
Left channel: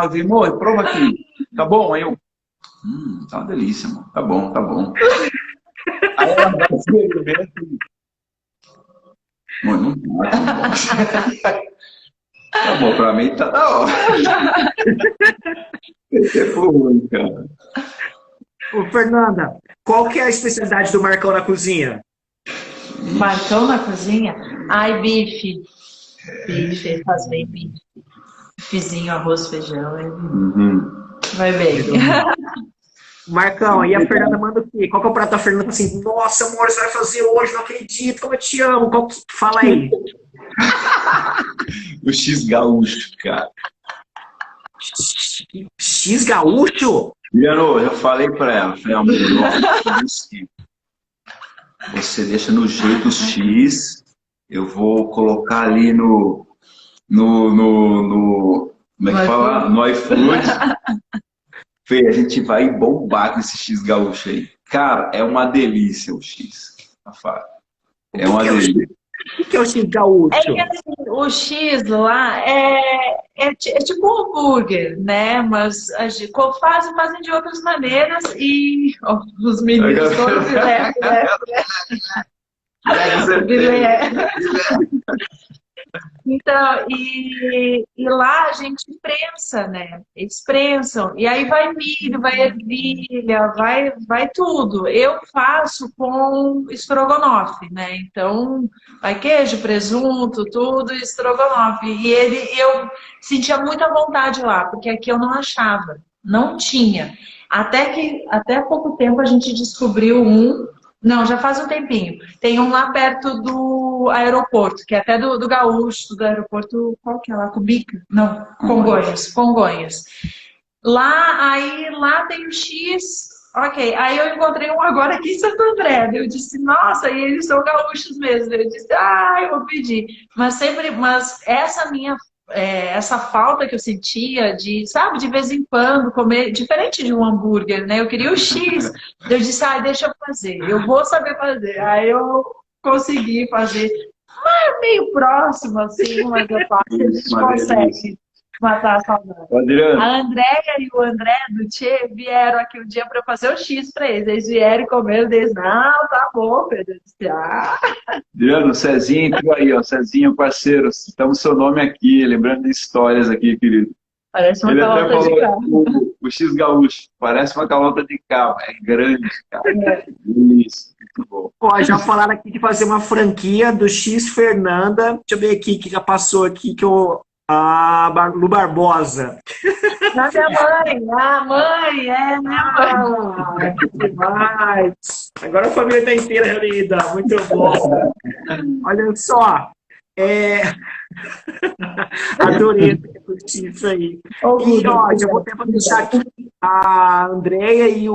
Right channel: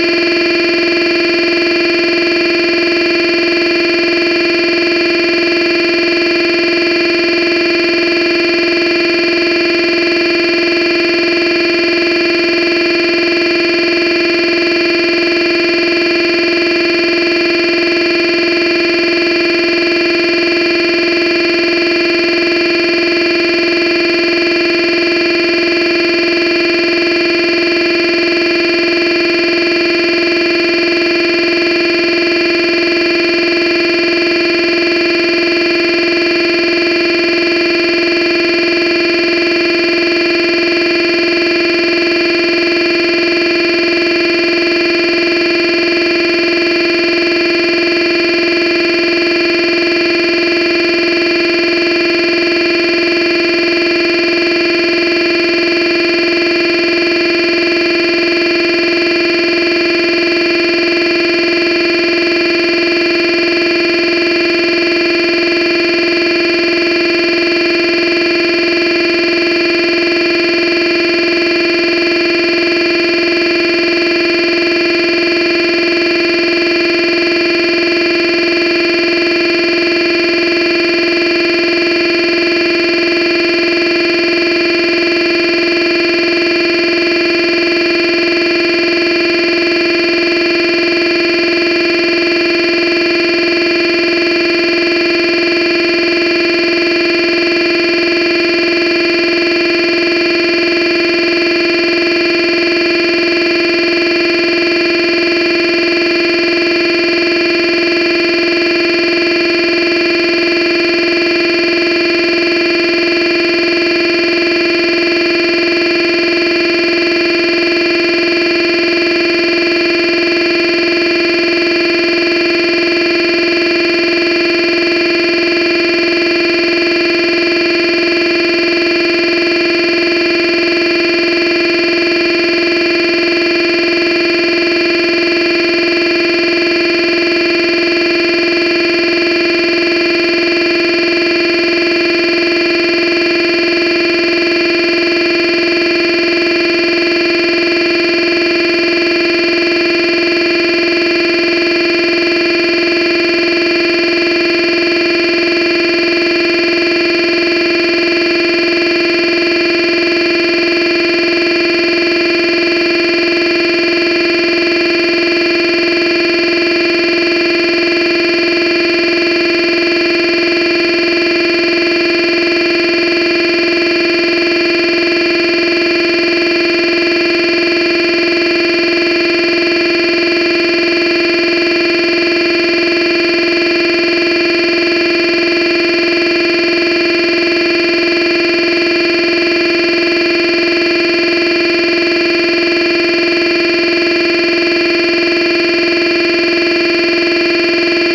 alguém, amor, prova aqui. Tá bom? Aí eu, tá belíssimo. Tá bom, tá bom. Aí ela vai dizer, mano, tá bom, pra mim tá da hora. Você for ruim, cara. Ô, Fernanda, qual que é a especialidade do Marcão na cozinha? Marcão na cozinha? Ai, bife. Bife, fazer bifezinho, arroz, feijão. Vai bem. Marcão, aí a Fernanda manda o quê? Qual que é o prato da Fernanda assim? Nossa, amor, você vai fazer hoje, não acredito, eu te amo. Fala aí. O X gaúcho, cara. X gaúcho? E eu falei pra ela, falei, amor, nossa, você deixa no jeito X, eu vou colocar ali como é que fala? No iFood. Fê, a gente vai bombar com esse X gaúcho aí. Cara, é uma delícia o X. É uma delícia. O que é o X gaúcho? É que assim, o X lá é tipo um hambúrguer, né? Mas a gente faz de outras maneiras e nos meninos todos Então, e lá a gente prensa, né? Eles prensam. E aí vai milho, vai ervilha, vai tudo. Eu faço com estrogonofe, né? Então, vai queijo, presunto, tudo e estrogonofe. E eu sentia muita vontade lá, porque aqui eu não achava. Não tinha. Até há pouco tempo a gente descobriu não, já faz um tempinho. Tem um lá perto do aeroporto, que é até do Gaúcho, do aeroporto, qual que é lá? Felipe? Não, Congonhas. Lá tem um X, ok. Aí eu encontrei um agora aqui em Santo André. Eu disse, nossa, e eles são gaúchos mesmo. Eu disse, eu vou pedir. Mas essa falta que eu sentia de, sabe, de vez em quando comer, diferente de um hambúrguer, né? Eu queria o X. Eu disse, deixa eu fazer, eu vou saber fazer. Aí eu consegui fazer, meio próximo, assim, mas eu faço, a gente consegue matar a falta. A Andréia e o André vieram aqui um dia para eu fazer o X para eles. Eles vieram comer, eu disse, não, tá bom, Adriano, Cezinho, tudo aí, ó. Cezinho, parceiro, citamos seu nome aqui, lembrando de histórias aqui que parece uma ele até calota falou de carne. o X gaúcho, parece uma calota de carro, né? Grande. Isso. Ó, já falaram aqui de fazer uma franquia do X Fernanda. Deixa eu ver aqui que já passou aqui no Barbosa. Da minha mãe, minha mãe. Demais. Agora a família tá inteira reunida. Muito bom. Olha só. Adorei. Eu vou deixar aqui a Andréia e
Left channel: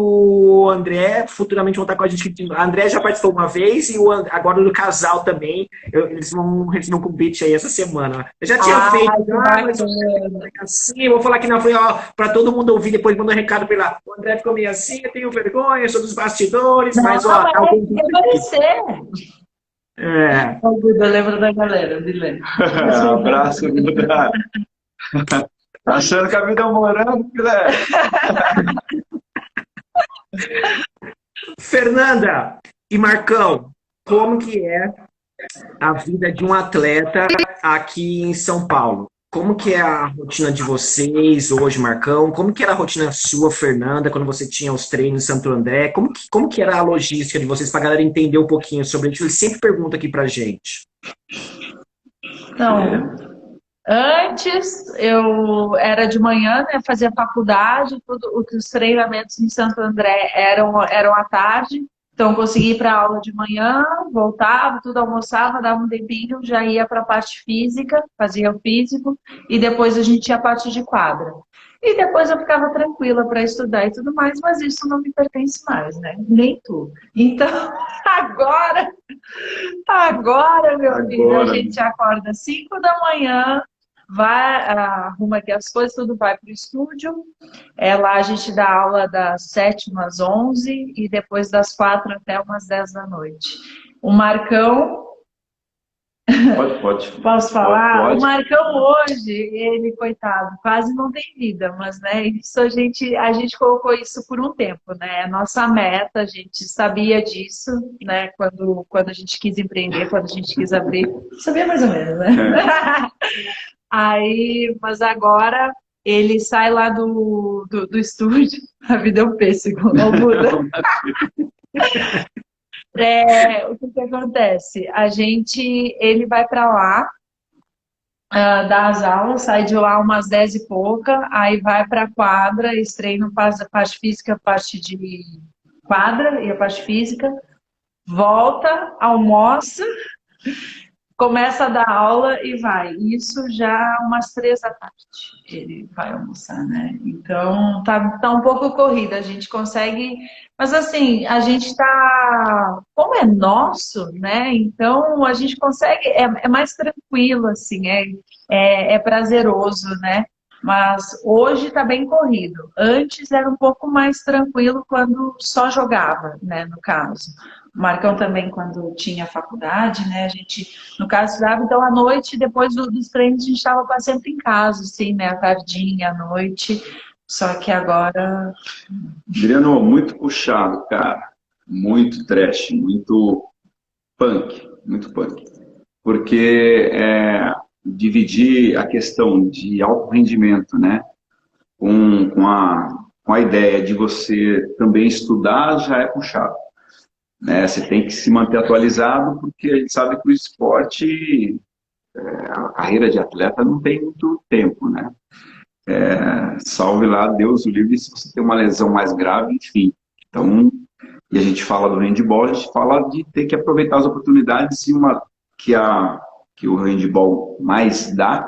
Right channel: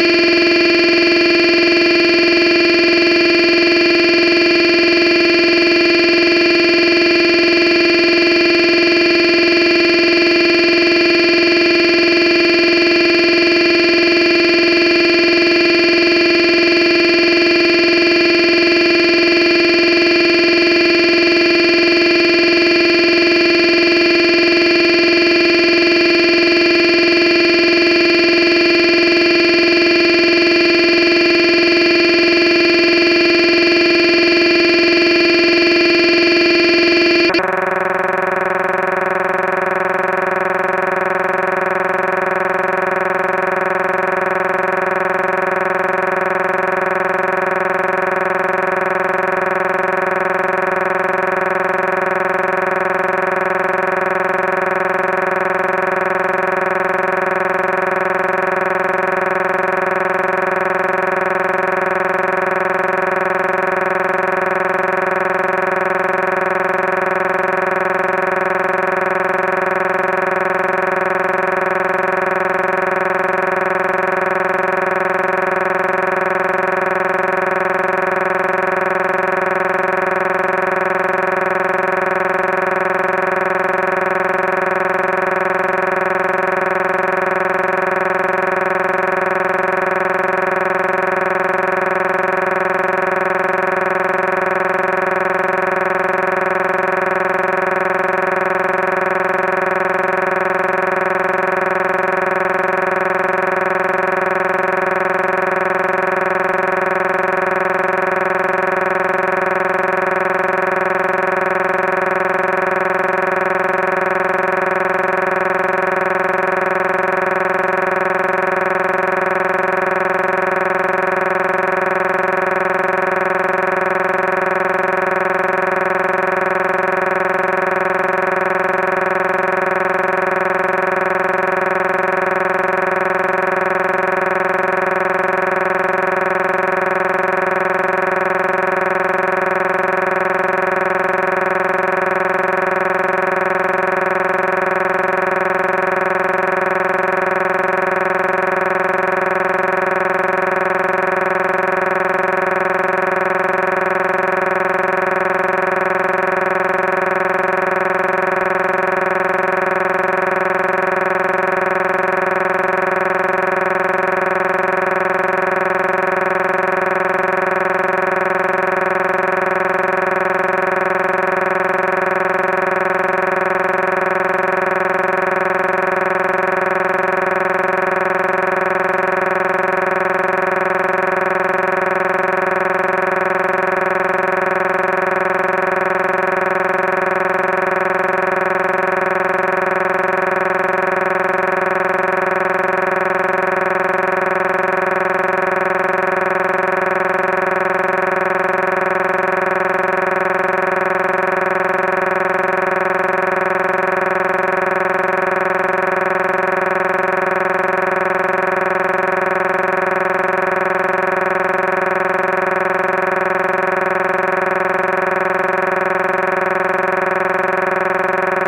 o André futuramente vão estar com a gente aqui. A André já participou uma vez e agora no casal também. Eles vão refinar um convite aí essa semana. Eu já tinha feito, mas sim, eu vou falar que não foi para todo mundo ouvir, depois mandar um recado pela André ficou meio assim, eu tenho vergonha sobre os bastidores, mas alguém tem que você. Eu lembro da galera. Abraço, Duda. Tá achando que a vida é morando, né? Fernanda e Marcão, como que é a vida de um atleta aqui em São Paulo? Como que é a rotina de vocês hoje, Marcão? Como que era a rotina sua, Fernanda, quando você tinha os treinos em Santo André? Como que era a logística de vocês, para a galera entender um pouquinho sobre o que vocês sempre perguntam aqui pra gente? Não, antes eu era de manhã, né, fazia faculdade, os treinamentos no Santo André eram à tarde, então eu conseguia ir para aula de manhã, voltava, tudo almoçava, dava um tempinho, já ia para a parte física, fazia o físico, e depois a gente ia a parte de quadra. E depois eu ficava tranquila para estudar e tudo mais, mas isso não me pertence mais, né? Nem tudo. Então, agora, meu Deus, a gente acorda às 5 da manhã, vai, as coisas tudo vai para o estúdio. Lá a gente dá aula das 7 às 11 e depois das 4 até umas 10 da noite. O Marcão, Pode. posso falar? O Marcão hoje, ele, coitado, vai ele sai lá do estúdio, a vida é um péssimo, é o Buda. O que acontece? Ele vai pra lá, dá as aulas, sai de lá umas 10 e pouca, aí vai pra quadra, eles treinam parte física, parte de quadra, e parte física, volta, almoça, começa a dar aula e vai. Isso já umas 3 da tarde, que ele vai assim, né? Então tá um pouco corrida, a gente consegue. Mas assim, a gente como é nosso, né? Então a gente consegue, é mais tranquilo, assim, é prazeroso, né? Mas hoje tá bem corrido. Antes era um pouco mais tranquilo quando só jogava, né? No caso. O Marcão também, quando tinha faculdade, né? A gente, no caso, estudava, então à noite, depois dos treinos, a gente estava sempre em casa, assim, né? Tardinha, à noite. Só que agora. Virando muito puxado, cara. Muito trash, muito punk, muito punk. Porque dividir a questão de alto rendimento, né, com a ideia de você também estudar já é puxado. Né? Você tem que se manter atualizado, porque a gente sabe que o esporte, a carreira de atleta não tem muito tempo, né? Salve lá, Deus o livre, se você tem uma lesão mais grave, enfim. Então, a gente fala do handball, a gente fala de ter que aproveitar as oportunidades, que o handball mais dá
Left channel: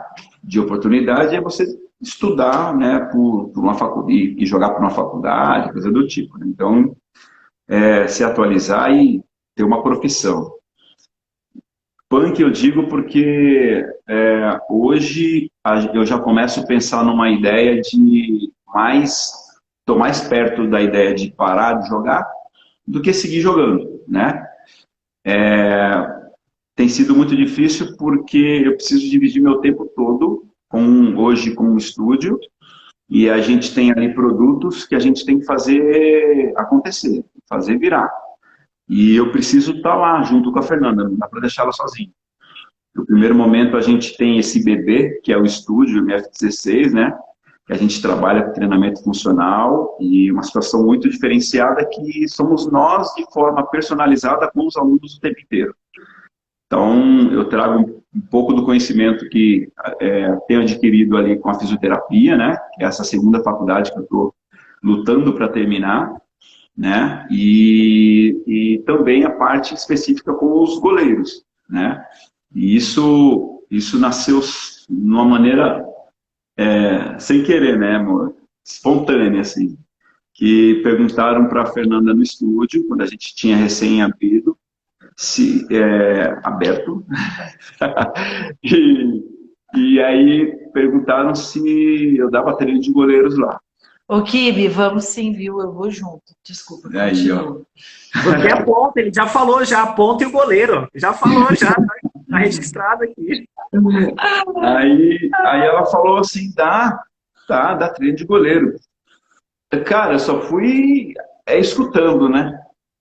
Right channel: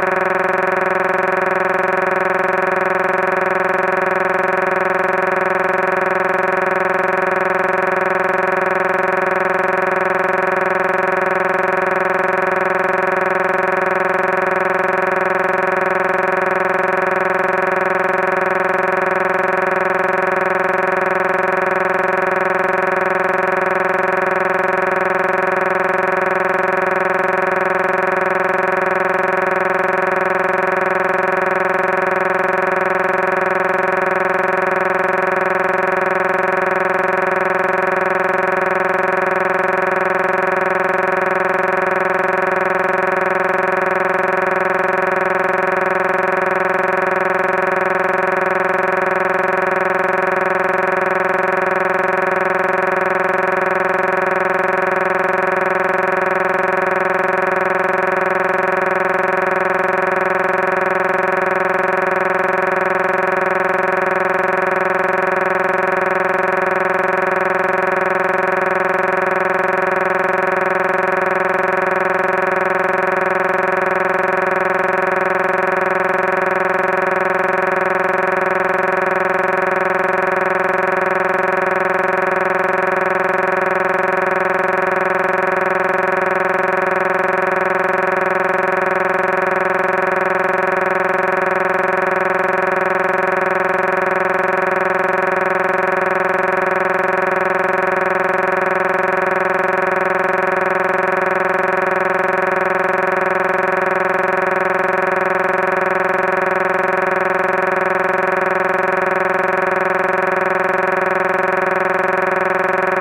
de oportunidade é você estudar, né, por uma faculdade, e jogar por uma faculdade, coisa do tipo. Então, se atualizar e ter uma profissão. Punk eu digo porque hoje eu já começo a pensar numa ideia de estou mais perto da ideia de parar de jogar do que seguir jogando, né? Tem sido muito difícil porque eu preciso dividir meu tempo todo hoje com o estúdio e a gente tem ali produtos que a gente tem que fazer acontecer, fazer virar. E eu preciso estar lá junto com a Fernanda, não dá para deixar ela sozinha. No primeiro momento a gente tem esse bebê, que é o estúdio F16, né? A gente trabalha com treinamento funcional e uma situação muito diferenciada é que somos nós de forma personalizada com os alunos o tempo inteiro. Então eu trago um pouco do conhecimento que tenho adquirido ali com a fisioterapia, né? Essa segunda faculdade que eu estou lutando para terminar, né? E também a parte específica com os goleiros, né? E isso nasceu de uma maneira sem querer, né, amor? Espontânea, assim. Que perguntaram para a Fernanda no estúdio, quando a gente tinha recém-aberto, e aí perguntaram se eu dava treino de goleiros lá. O Kibe, vamos sim, eu vou junto. Desculpa. Aí, Porque é ponto, ele já falou já, ponto e goleiro. Já falou já. Tá registrado aqui. Aí ela falou assim, dá treino de goleiro. Cara, eu só fui escutando, né?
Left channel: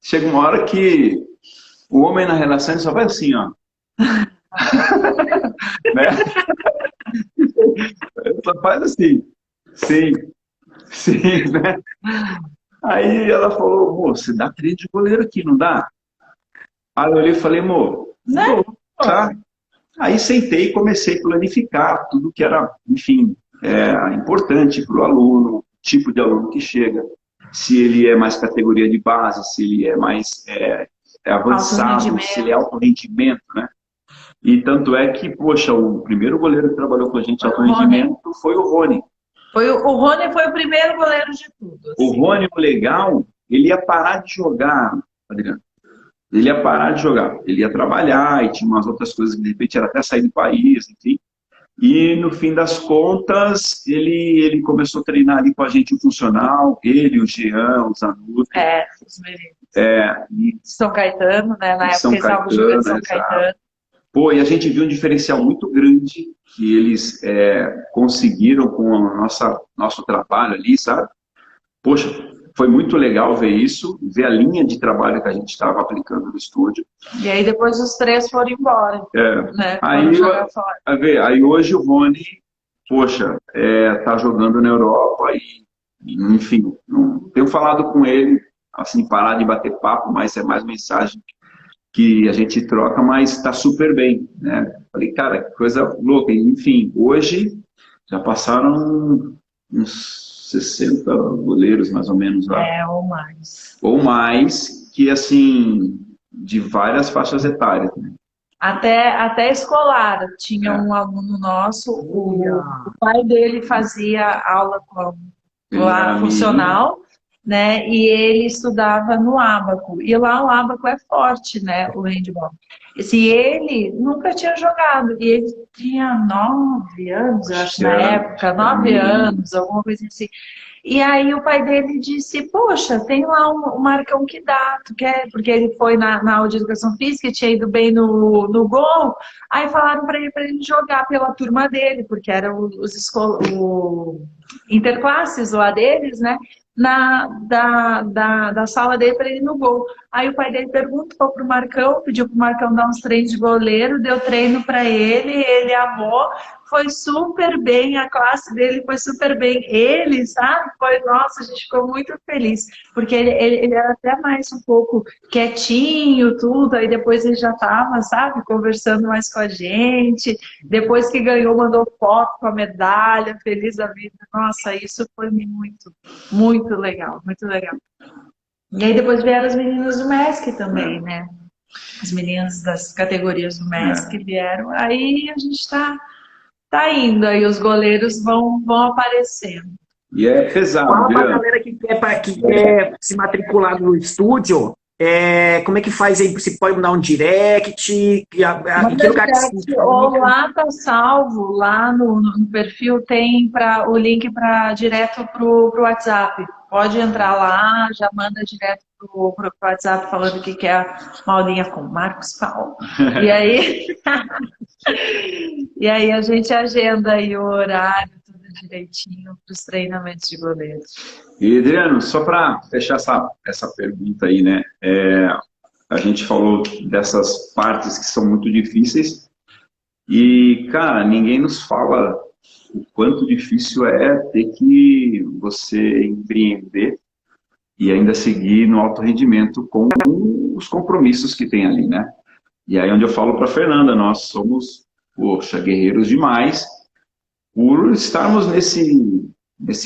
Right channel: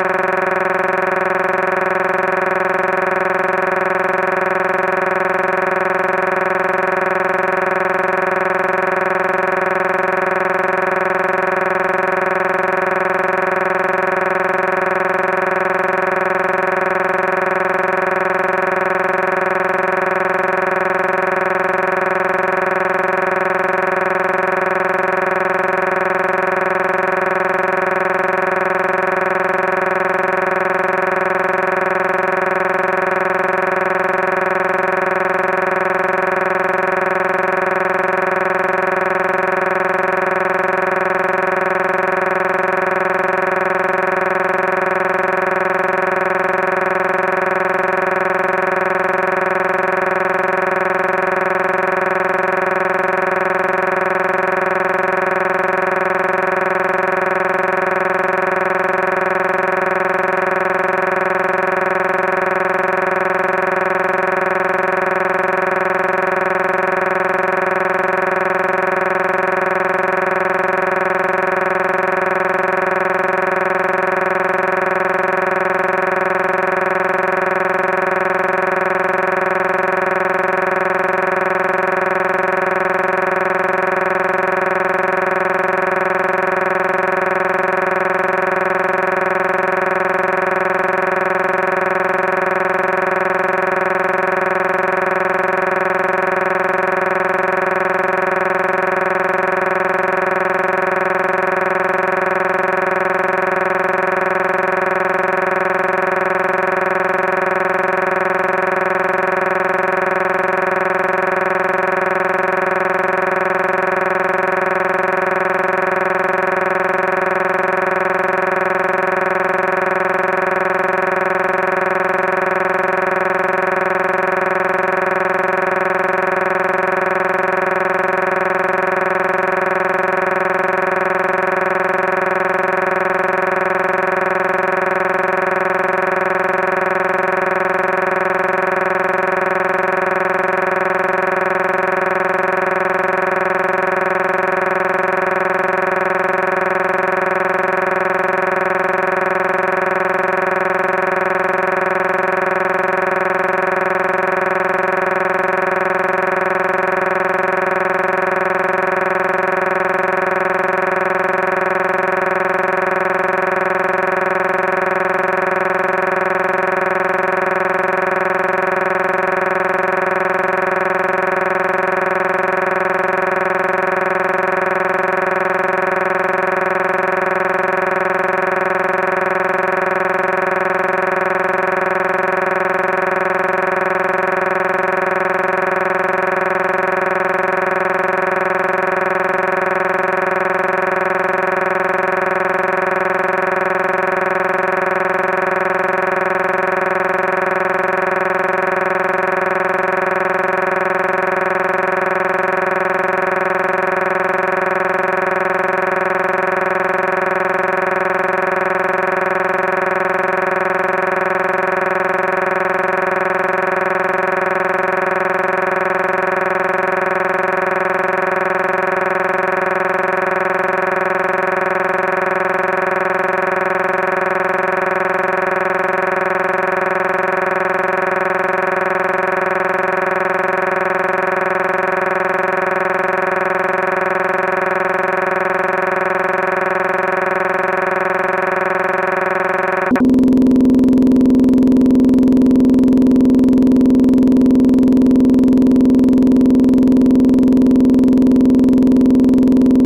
Chega uma hora que o homem na relação só vai assim, ó. Né? Só faz assim. Sim, né? Aí ela falou, moço, dá treino de goleiro aqui, não dá? Aí eu olhei e falei, não, tá. Aí sentei e comecei a planificar tudo que era, enfim, importante para o aluno, o tipo de aluno que chega, se ele é mais categoria de base, se ele é mais avançado, se é alto rendimento, né? E tanto é que, poxa, o primeiro goleiro que trabalhou com a gente alto rendimento foi o Rony. O Rony foi o primeiro goleiro. O Rony, legal, ele ia parar de jogar, ele ia parar de jogar, ele ia trabalhar e tinha umas outras coisas que de repente era para sair do país, enfim. E no fim das contas, ele começou a treinar ali com a gente o funcional, ele, o Jean, o Zantudo. São Caetano, né? Na época eles estavam juntos em São Caetano. Pô, e a gente viu um diferencial muito grande que eles conseguiram com o nosso trabalho ali, sabe? Poxa, foi muito legal ver isso, ver a linha de trabalho que a gente estava aplicando no estúdio. E aí depois os 3 foram embora. Né? Aí hoje o Rony, poxa, tá jogando na Europa. que a gente troca, mas está super bem, né? Falei, cara, que coisa louca. Enfim, hoje já passaram uns 60 goleiros, mais ou menos, lá. Ou mais, que assim, de várias faixas etárias. Até escolar. Tinha um aluno nosso, o pai dele fazia aula lá funcional, né? E ele estudava no Abaco. E lá o Abaco é forte, né? O handball. Se ele nunca tinha jogado, e ele tinha 9 anos, acho, na época, 9 anos, alguma coisa assim. E aí o pai dele disse, poxa, tem lá um Marcão que dá, tu quer? Porque ele foi na aula de educação física e tinha ido bem no gol. Aí falaram pra ele jogar pela turma dele, porque era o interclasses lá deles, né? Da sala dele pra ele no gol. Aí o pai dele perguntou pro Marcão, pediu pro Marcão dar uns treinos de goleiro, deu treino pra ele amou, foi super bem, a classe dele foi super bem. Ele, sabe? Foi, nossa, a gente ficou muito feliz, porque ele era até mais um pouco quietinho, tudo, aí depois ele já tava, sabe, conversando mais com a gente, depois que ganhou, mandou foto com a medalha, feliz da vida. Nossa, isso foi muito legal, muito legal. E aí depois vieram as meninas do MESC também, né? As meninas das categorias do MESC vieram. Aí a gente tá indo, aí os goleiros vão aparecer. E é pesado, Fala viu? pra galera que quer se matricular no estúdio, como é que faz aí? Você pode dar um direct, em que lugar que você... Ou lá tá salvo, lá no perfil tem o link direto pro WhatsApp. Pode entrar lá, já manda direto pro WhatsApp falando o que é a Paulinha Marcos falou. E aí a gente agenda aí o horário direitinho dos treinamentos de goleiros. E Adriano, só para fechar essa pergunta aí, né? A gente falou dessas partes que são muito difíceis e, cara, ninguém nos fala o quanto difícil é ter que você empreender e ainda seguir no alto rendimento com os compromissos que tem ali, né? E aí onde eu falo para Fernanda, nós somos, poxa, guerreiros demais por estarmos nesse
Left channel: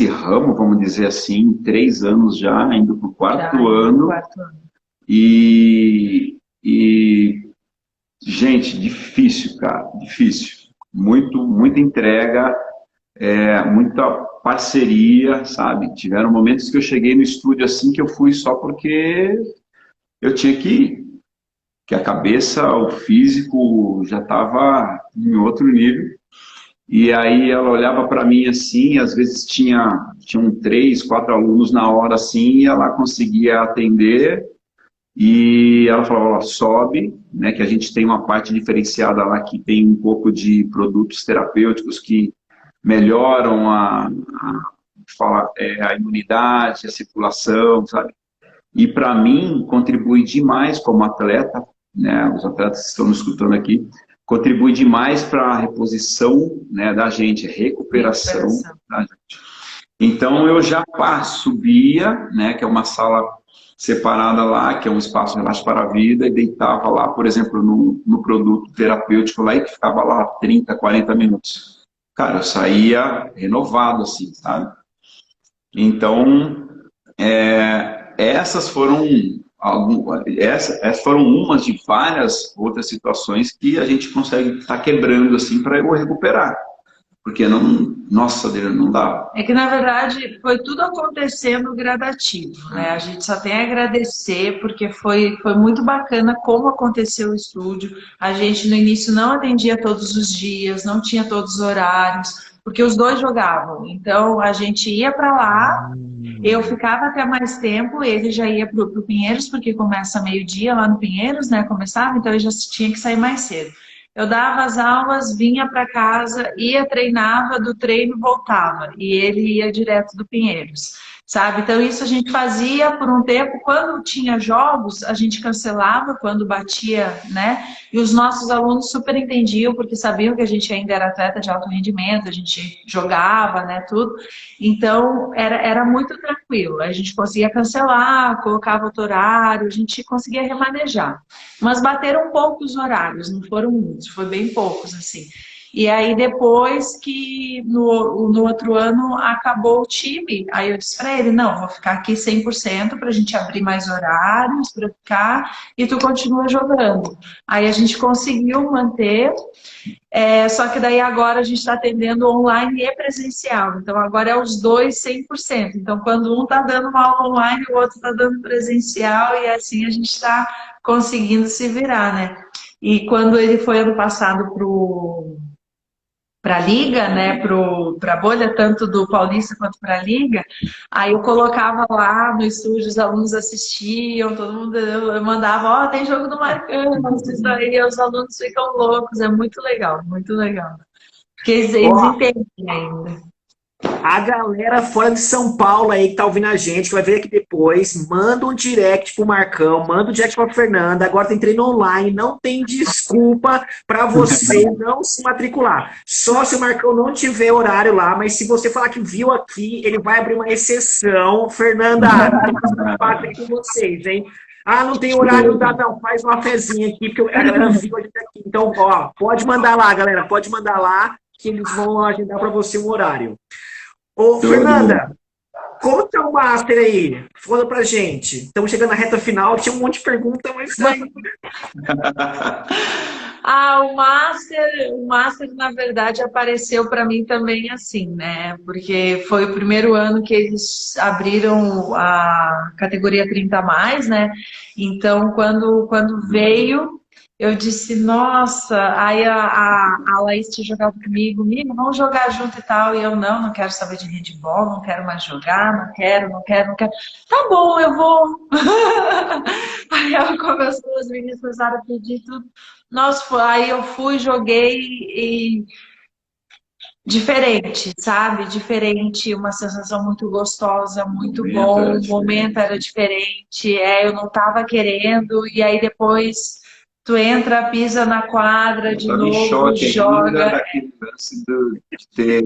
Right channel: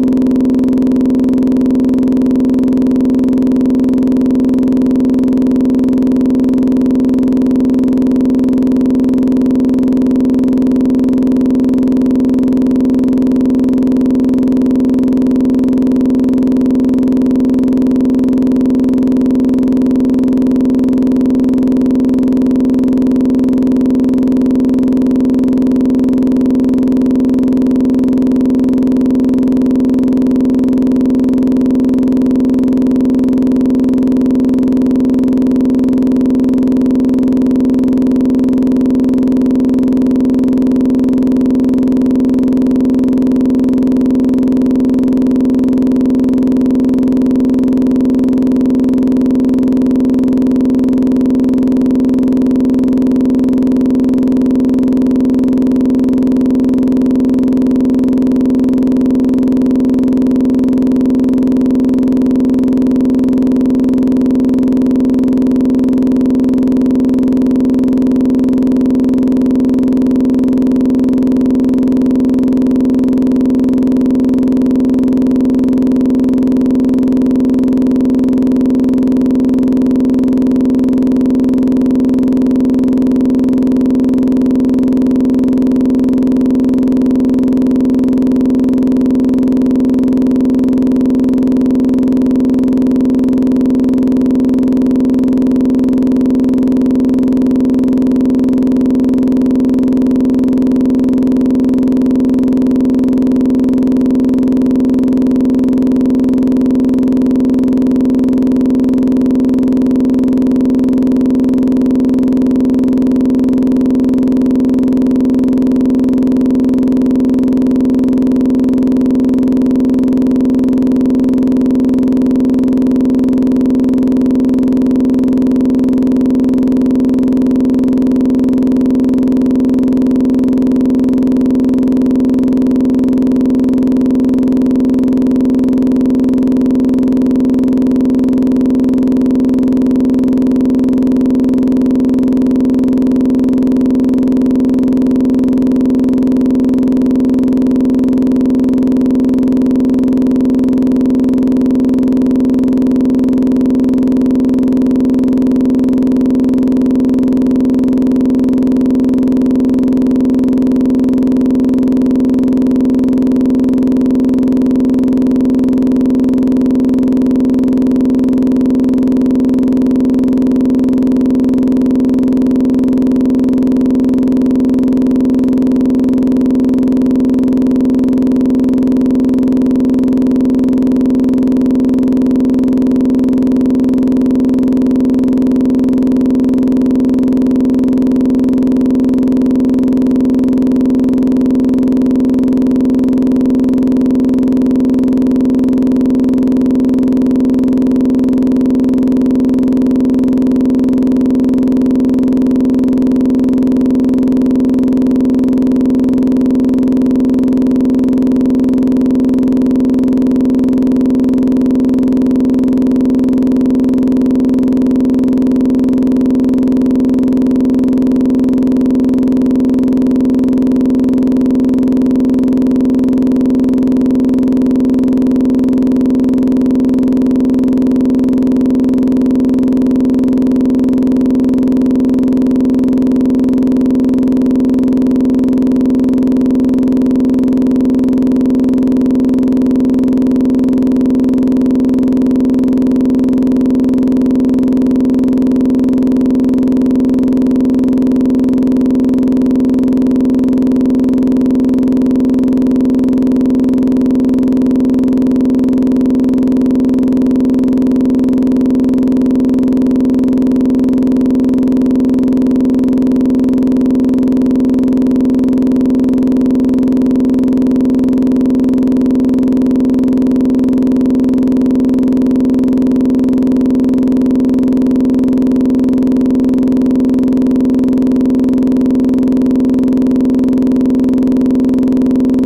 ramo, vamos dizer assim, 3 anos já, indo pro 4º ano. E, gente, difícil, cara, difícil. Muita entrega, muita parceria, sabe? Tiveram momentos que eu cheguei no estúdio assim que eu fui só porque eu tinha que ir. Que a cabeça, o físico já estava em outro nível. E aí ela olhava para mim assim, às vezes tinham 3, 4 alunos na hora assim, e ela conseguia atender. E ela falou, sobe, né, que a gente tem uma parte diferenciada lá que tem um pouco de produtos terapêuticos que melhoram a imunidade, a circulação, sabe? E para mim, contribui demais como atleta, né, os atletas que estão nos escutando aqui, contribui demais para a reposição, né, da gente, recuperação da gente. Então eu já subia, né, que é uma sala separada lá, que é um espaço relaxo para a vida, e deitava lá, por exemplo, no produto terapêutico lá, e ficava lá 30, 40 minutos. Cara, eu saía renovado, assim, sabe? Então, essas foram umas de várias outras situações que a gente consegue estar quebrando, assim, para eu recuperar. Porque não, nossa, não dá. É que, na verdade, foi tudo acontecendo gradativo, né? A gente só tem a agradecer, porque foi muito bacana como aconteceu o estúdio. A gente, no início, não atendia todos os dias, não tinha todos os horários, porque os dois jogavam. Então, a gente ia para lá, eu ficava até mais tempo, ele já ia pro Pinheiros, porque começa meio-dia lá no Pinheiros, né? Começava, então eu já tinha que sair mais cedo. Eu dava as aulas, vinha para casa, treinava, do treino voltava, e ele ia direto do Pinheiros, sabe? Então isso a gente fazia por um tempo. Quando tinha jogos, a gente cancelava quando batia, né? E os nossos alunos super entendiam, porque sabiam que a gente ainda era atleta de alto rendimento, a gente jogava, né? Tudo. Então era muito tranquilo. tranquilo. A gente conseguia cancelar, colocava outro horário, a gente conseguia remanejar. Mas bateram um pouco os horários, não foram muitos, foi bem poucos, assim. E aí depois que no outro ano acabou o time, aí eu disse pra ele, não, vou ficar aqui 100% pra gente abrir mais horários, pra eu ficar, e tu continua jogando. Aí a gente conseguiu manter, só que daí agora a gente está atendendo online e presencial. Então agora é os dois 100%. Então quando um está dando uma aula online, o outro está dando presencial e assim a gente está conseguindo se virar, né? E quando ele foi ano passado para a Liga, né, para a bolha, tanto do Paulista quanto para a Liga, aí eu colocava lá no estúdio, os alunos assistiam, todo mundo, eu mandava, ó, tem jogo do Marcão, isso aí, os alunos ficam loucos, é muito legal, porque eles Ó, entendem ainda. a galera fora de São Paulo aí que tá ouvindo a gente, que vai ver aqui depois, manda um direct pro Marcão, manda um direct pra Fernanda. Agora tem treino online, não tem desculpa pra você não se matricular. Só se o Marcão não tiver horário lá, mas se você falar que viu aqui, ele vai abrir uma exceção. Fernanda, bater com vocês, hein? Ah, não tem horário, não dá não. Faz uma fezinha aqui, porque a galera viu. Então, ó, pode mandar lá, galera, pode mandar lá, que eles vão agendar pra você o horário. Ô, Fernanda, conta o Master aí, fala pra gente. Estamos chegando na reta final, tinha um monte de perguntas, mas vai. Ah, o Master, na verdade, apareceu para mim também assim, né? Porque foi o primeiro ano que eles abriram a categoria 30 a mais, né? Então, quando veio, eu disse, nossa, aí a Laís tinha jogado comigo, "Miga, vamos jogar junto e tal." E eu, não quero saber de handball, não quero mais jogar, não quero. Tá bom, eu vou. Aí ela começou, os meninos começaram a pedir tudo. Nossa, aí eu fui, joguei e diferente, sabe? Diferente, uma sensação muito gostosa, muito bom. O Verdade. momento era diferente, eu não tava querendo, e aí depois tu entra, pisa na quadra de Tava em novo, choque joga. ainda de ter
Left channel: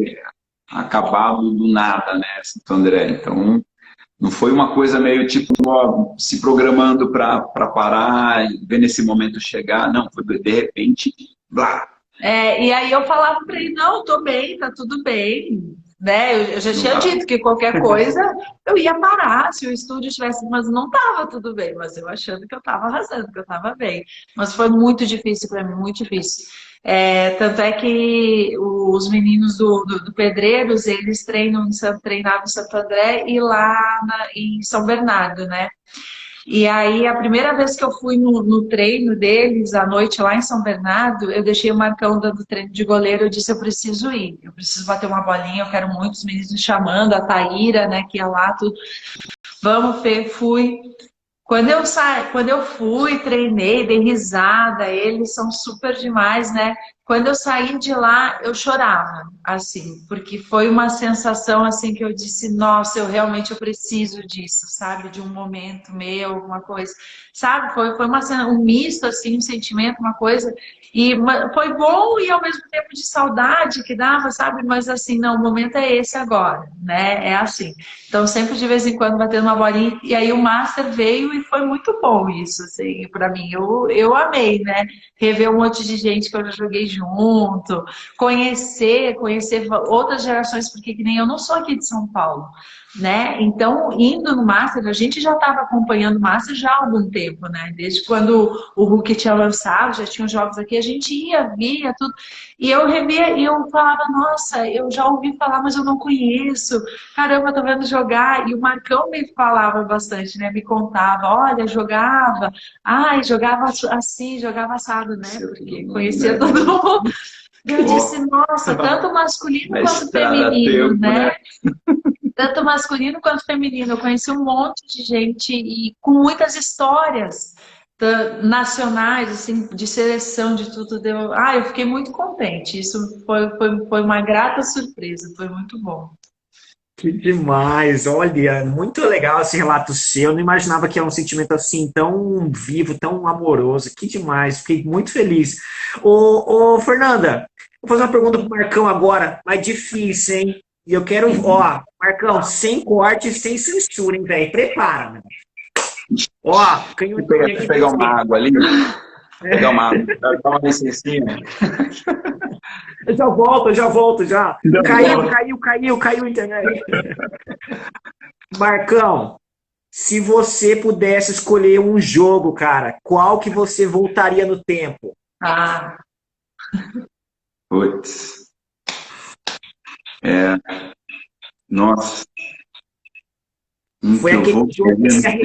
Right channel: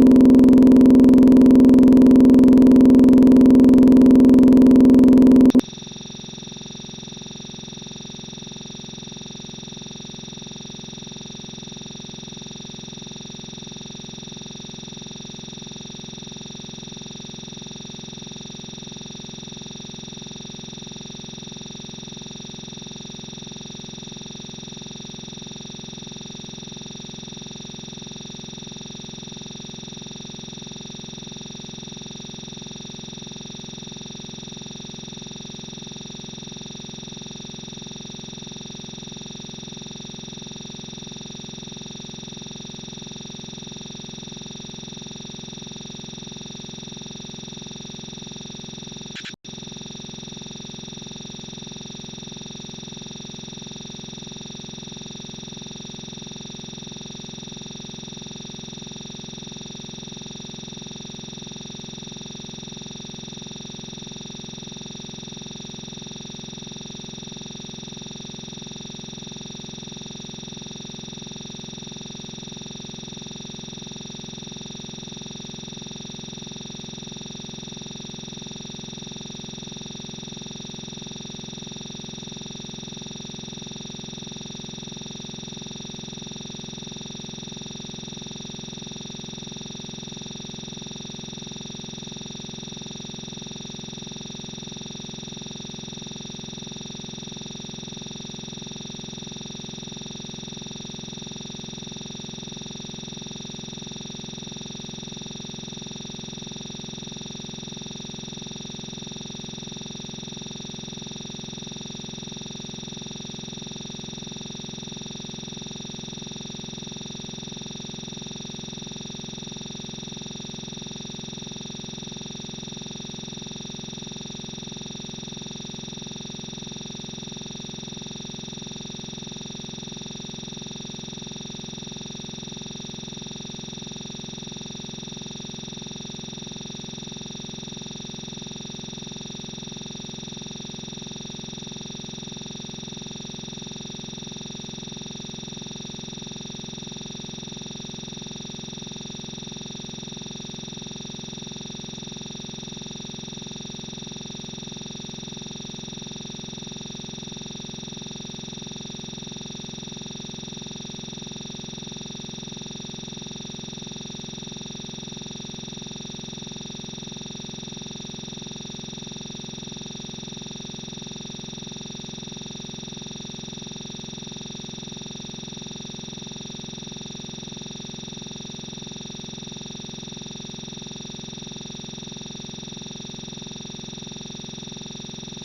acabado do nada, né, Santo André? Então, não foi uma coisa meio tipo, ó, se programando para parar e ver nesse momento chegar. Não, foi de repente, blá, E aí eu falava pra ele, não, tô bem, tá tudo bem, né? Eu já não tinha dá. dito que qualquer coisa eu ia parar se o estúdio tivesse, mas não tava tudo bem, mas eu achando que eu tava arrasando, que eu tava bem. Mas foi muito difícil pra mim, muito difícil. Tanto é que os meninos do Pedreiros, eles treinavam em Santo André e lá em São Bernardo, né? E aí, a primeira vez que eu fui no treino deles, à noite lá em São Bernardo, eu deixei o Marcão dando treino de goleiro. Eu disse: eu preciso ir, eu preciso bater uma bolinha. Eu quero muito os meninos me chamando, a Taíra, né, que ia lá, tudo. Vamos, Fê, fui. Quando eu fui, treinei, dei risada, eles são super demais, né? Quando eu saí de lá, eu chorava, assim, porque foi uma sensação assim que eu disse, nossa, eu preciso disso, sabe? De um momento meu, alguma coisa, sabe? Foi um misto, assim, um sentimento, uma coisa, e foi bom e ao mesmo tempo de saudade que dava, sabe? Mas assim, não, o momento é esse agora, né? É assim. Então, sempre de vez em quando batendo uma bolinha. E aí o Master veio e foi muito bom isso, assim, pra mim. Eu amei, né? Rever um monte de gente que eu já joguei junto, conhecer outras gerações, porque que nem eu não sou aqui de São Paulo, né? Então, indo no Master, a gente já estava acompanhando o Master já há algum tempo, né? Desde quando o Hulk tinha lançado, já tinha os jogos aqui, a gente ia, via tudo. E eu revia e eu falava, nossa, eu já ouvi falar, mas eu não conheço. Caramba, tô vendo jogar. E o Marcão me falava bastante, né? Me contava, olha, jogava, ai, jogava assim, jogava assado, né? Porque conhecia Né? todo mundo. Eu Ó, disse, nossa, tanto masculino a quanto estrada a feminino, tempo, né? né? Tanto masculino quanto feminino. Eu conheci um monte de gente e com muitas histórias nacionais, assim, de seleção, de tudo. Eu fiquei muito contente. Isso foi uma grata surpresa, foi muito bom. Que demais, olha, muito legal esse relato seu. Eu não imaginava que era um sentimento assim tão vivo, tão amoroso. Que demais, fiquei muito feliz. Ô, Fernanda, vou fazer uma pergunta pro Marcão agora, mas difícil, hein? E eu quero, ó, Marcão, sem corte, sem censura, hein, velho? Prepara, mano. Ó, Vou canhotinha aqui pegar uma perfeito. água ali, pegar uma água, dar uma licencinha. Eu já volto, já. Deu Caiu, bola. caiu, caiu, caiu a internet. Marcão, se você pudesse escolher um jogo, cara, qual que você voltaria no tempo? Ah, Putz, é, nossa, um Foi que eu aquele vou jogo que perder se no tempo.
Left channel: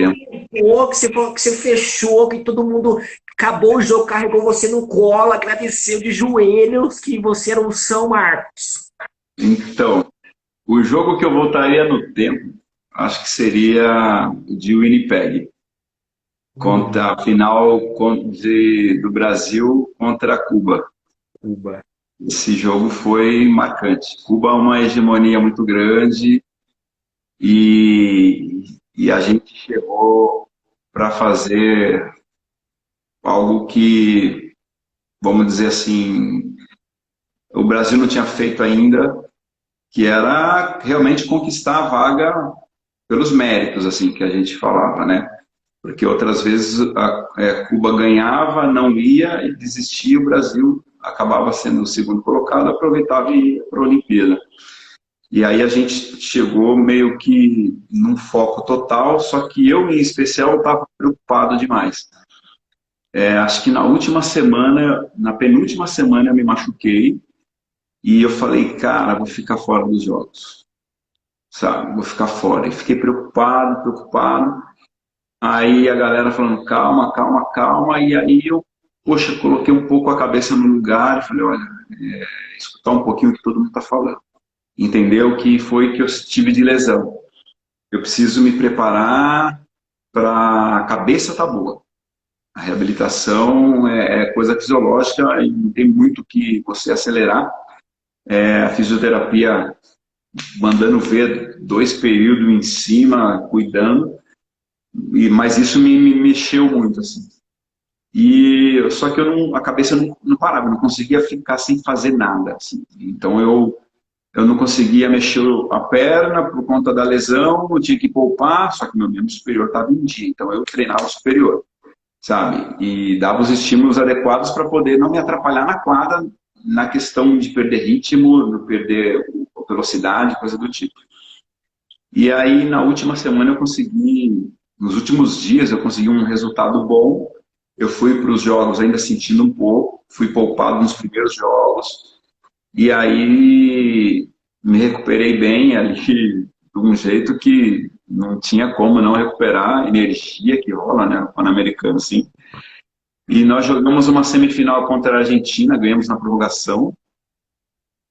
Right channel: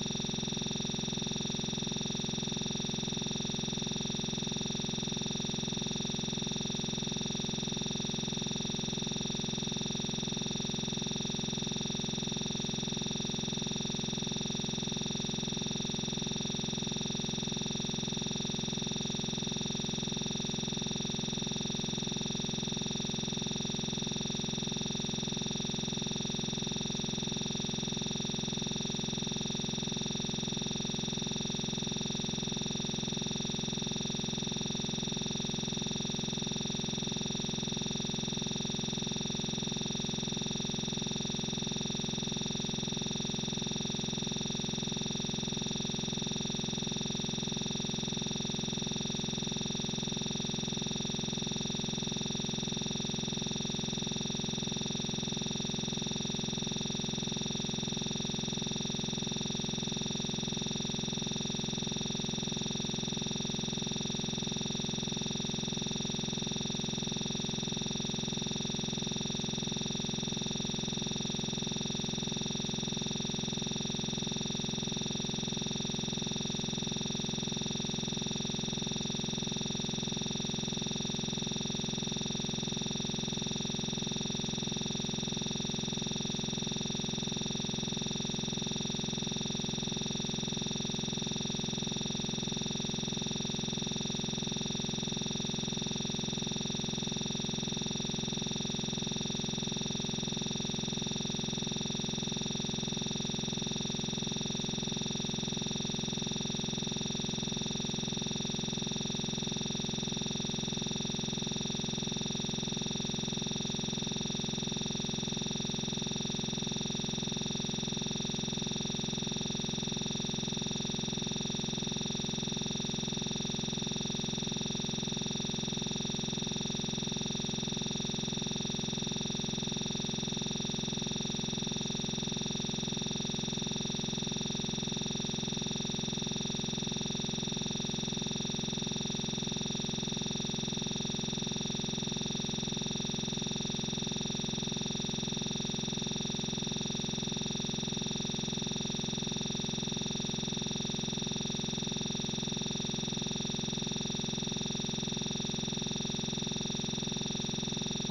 arrebentou, que você fechou, que todo mundo acabou o jogo, carregou você no colo, agradeceu de joelhos que você era o São Marcos. Então, o jogo que eu voltaria no tempo, acho que seria o de Winnipeg, contra a final do Brasil contra Cuba. Cuba. Esse jogo foi marcante. Cuba é uma hegemonia muito grande e, e a gente chegou para fazer algo que, vamos dizer assim, o Brasil não tinha feito ainda, que era realmente conquistar a vaga pelos méritos, assim, que a gente falava, né? Porque outras vezes Cuba ganhava, não ia e desistia, o Brasil acabava sendo o segundo colocado, aproveitava e ia para a Olimpíada. E aí a gente chegou meio que num foco total, só que eu, em especial, estava preocupado demais. Acho que na última semana, na penúltima semana, eu me machuquei e eu falei, cara, vou ficar fora dos jogos, sabe? Vou ficar fora. E fiquei preocupado, preocupado. Aí a galera falando, calma, calma, calma. E aí eu, poxa, coloquei um pouco a cabeça no lugar e falei, olha, escutar um pouquinho o que todo mundo está falando. Entendeu o que foi que eu tive de lesão. Eu preciso me preparar para a cabeça tá boa. A reabilitação é coisa fisiológica e não tem muito que você acelerar. A fisioterapia mandando ver 2 períodos em cima, cuidando, mas isso me mexeu muito, assim. Só que a cabeça não parava, eu não conseguia ficar sem fazer nada, assim. Então eu não conseguia mexer a perna por conta da lesão, eu tinha que poupar, só que meu membro superior estava em dia, então eu treinava o superior, sabe? E dava os estímulos adequados para poder não me atrapalhar na quadra, na questão de perder ritmo, de perder velocidade, coisa do tipo. E aí, na última semana, nos últimos dias, eu consegui um resultado bom. Eu fui para os jogos ainda sentindo um pouco, fui poupado nos primeiros jogos, e aí me recuperei bem ali, de um jeito que não tinha como não recuperar a energia que rola, né, o Pan-Americano, assim. E nós jogamos uma semifinal contra a Argentina, ganhamos na prorrogação,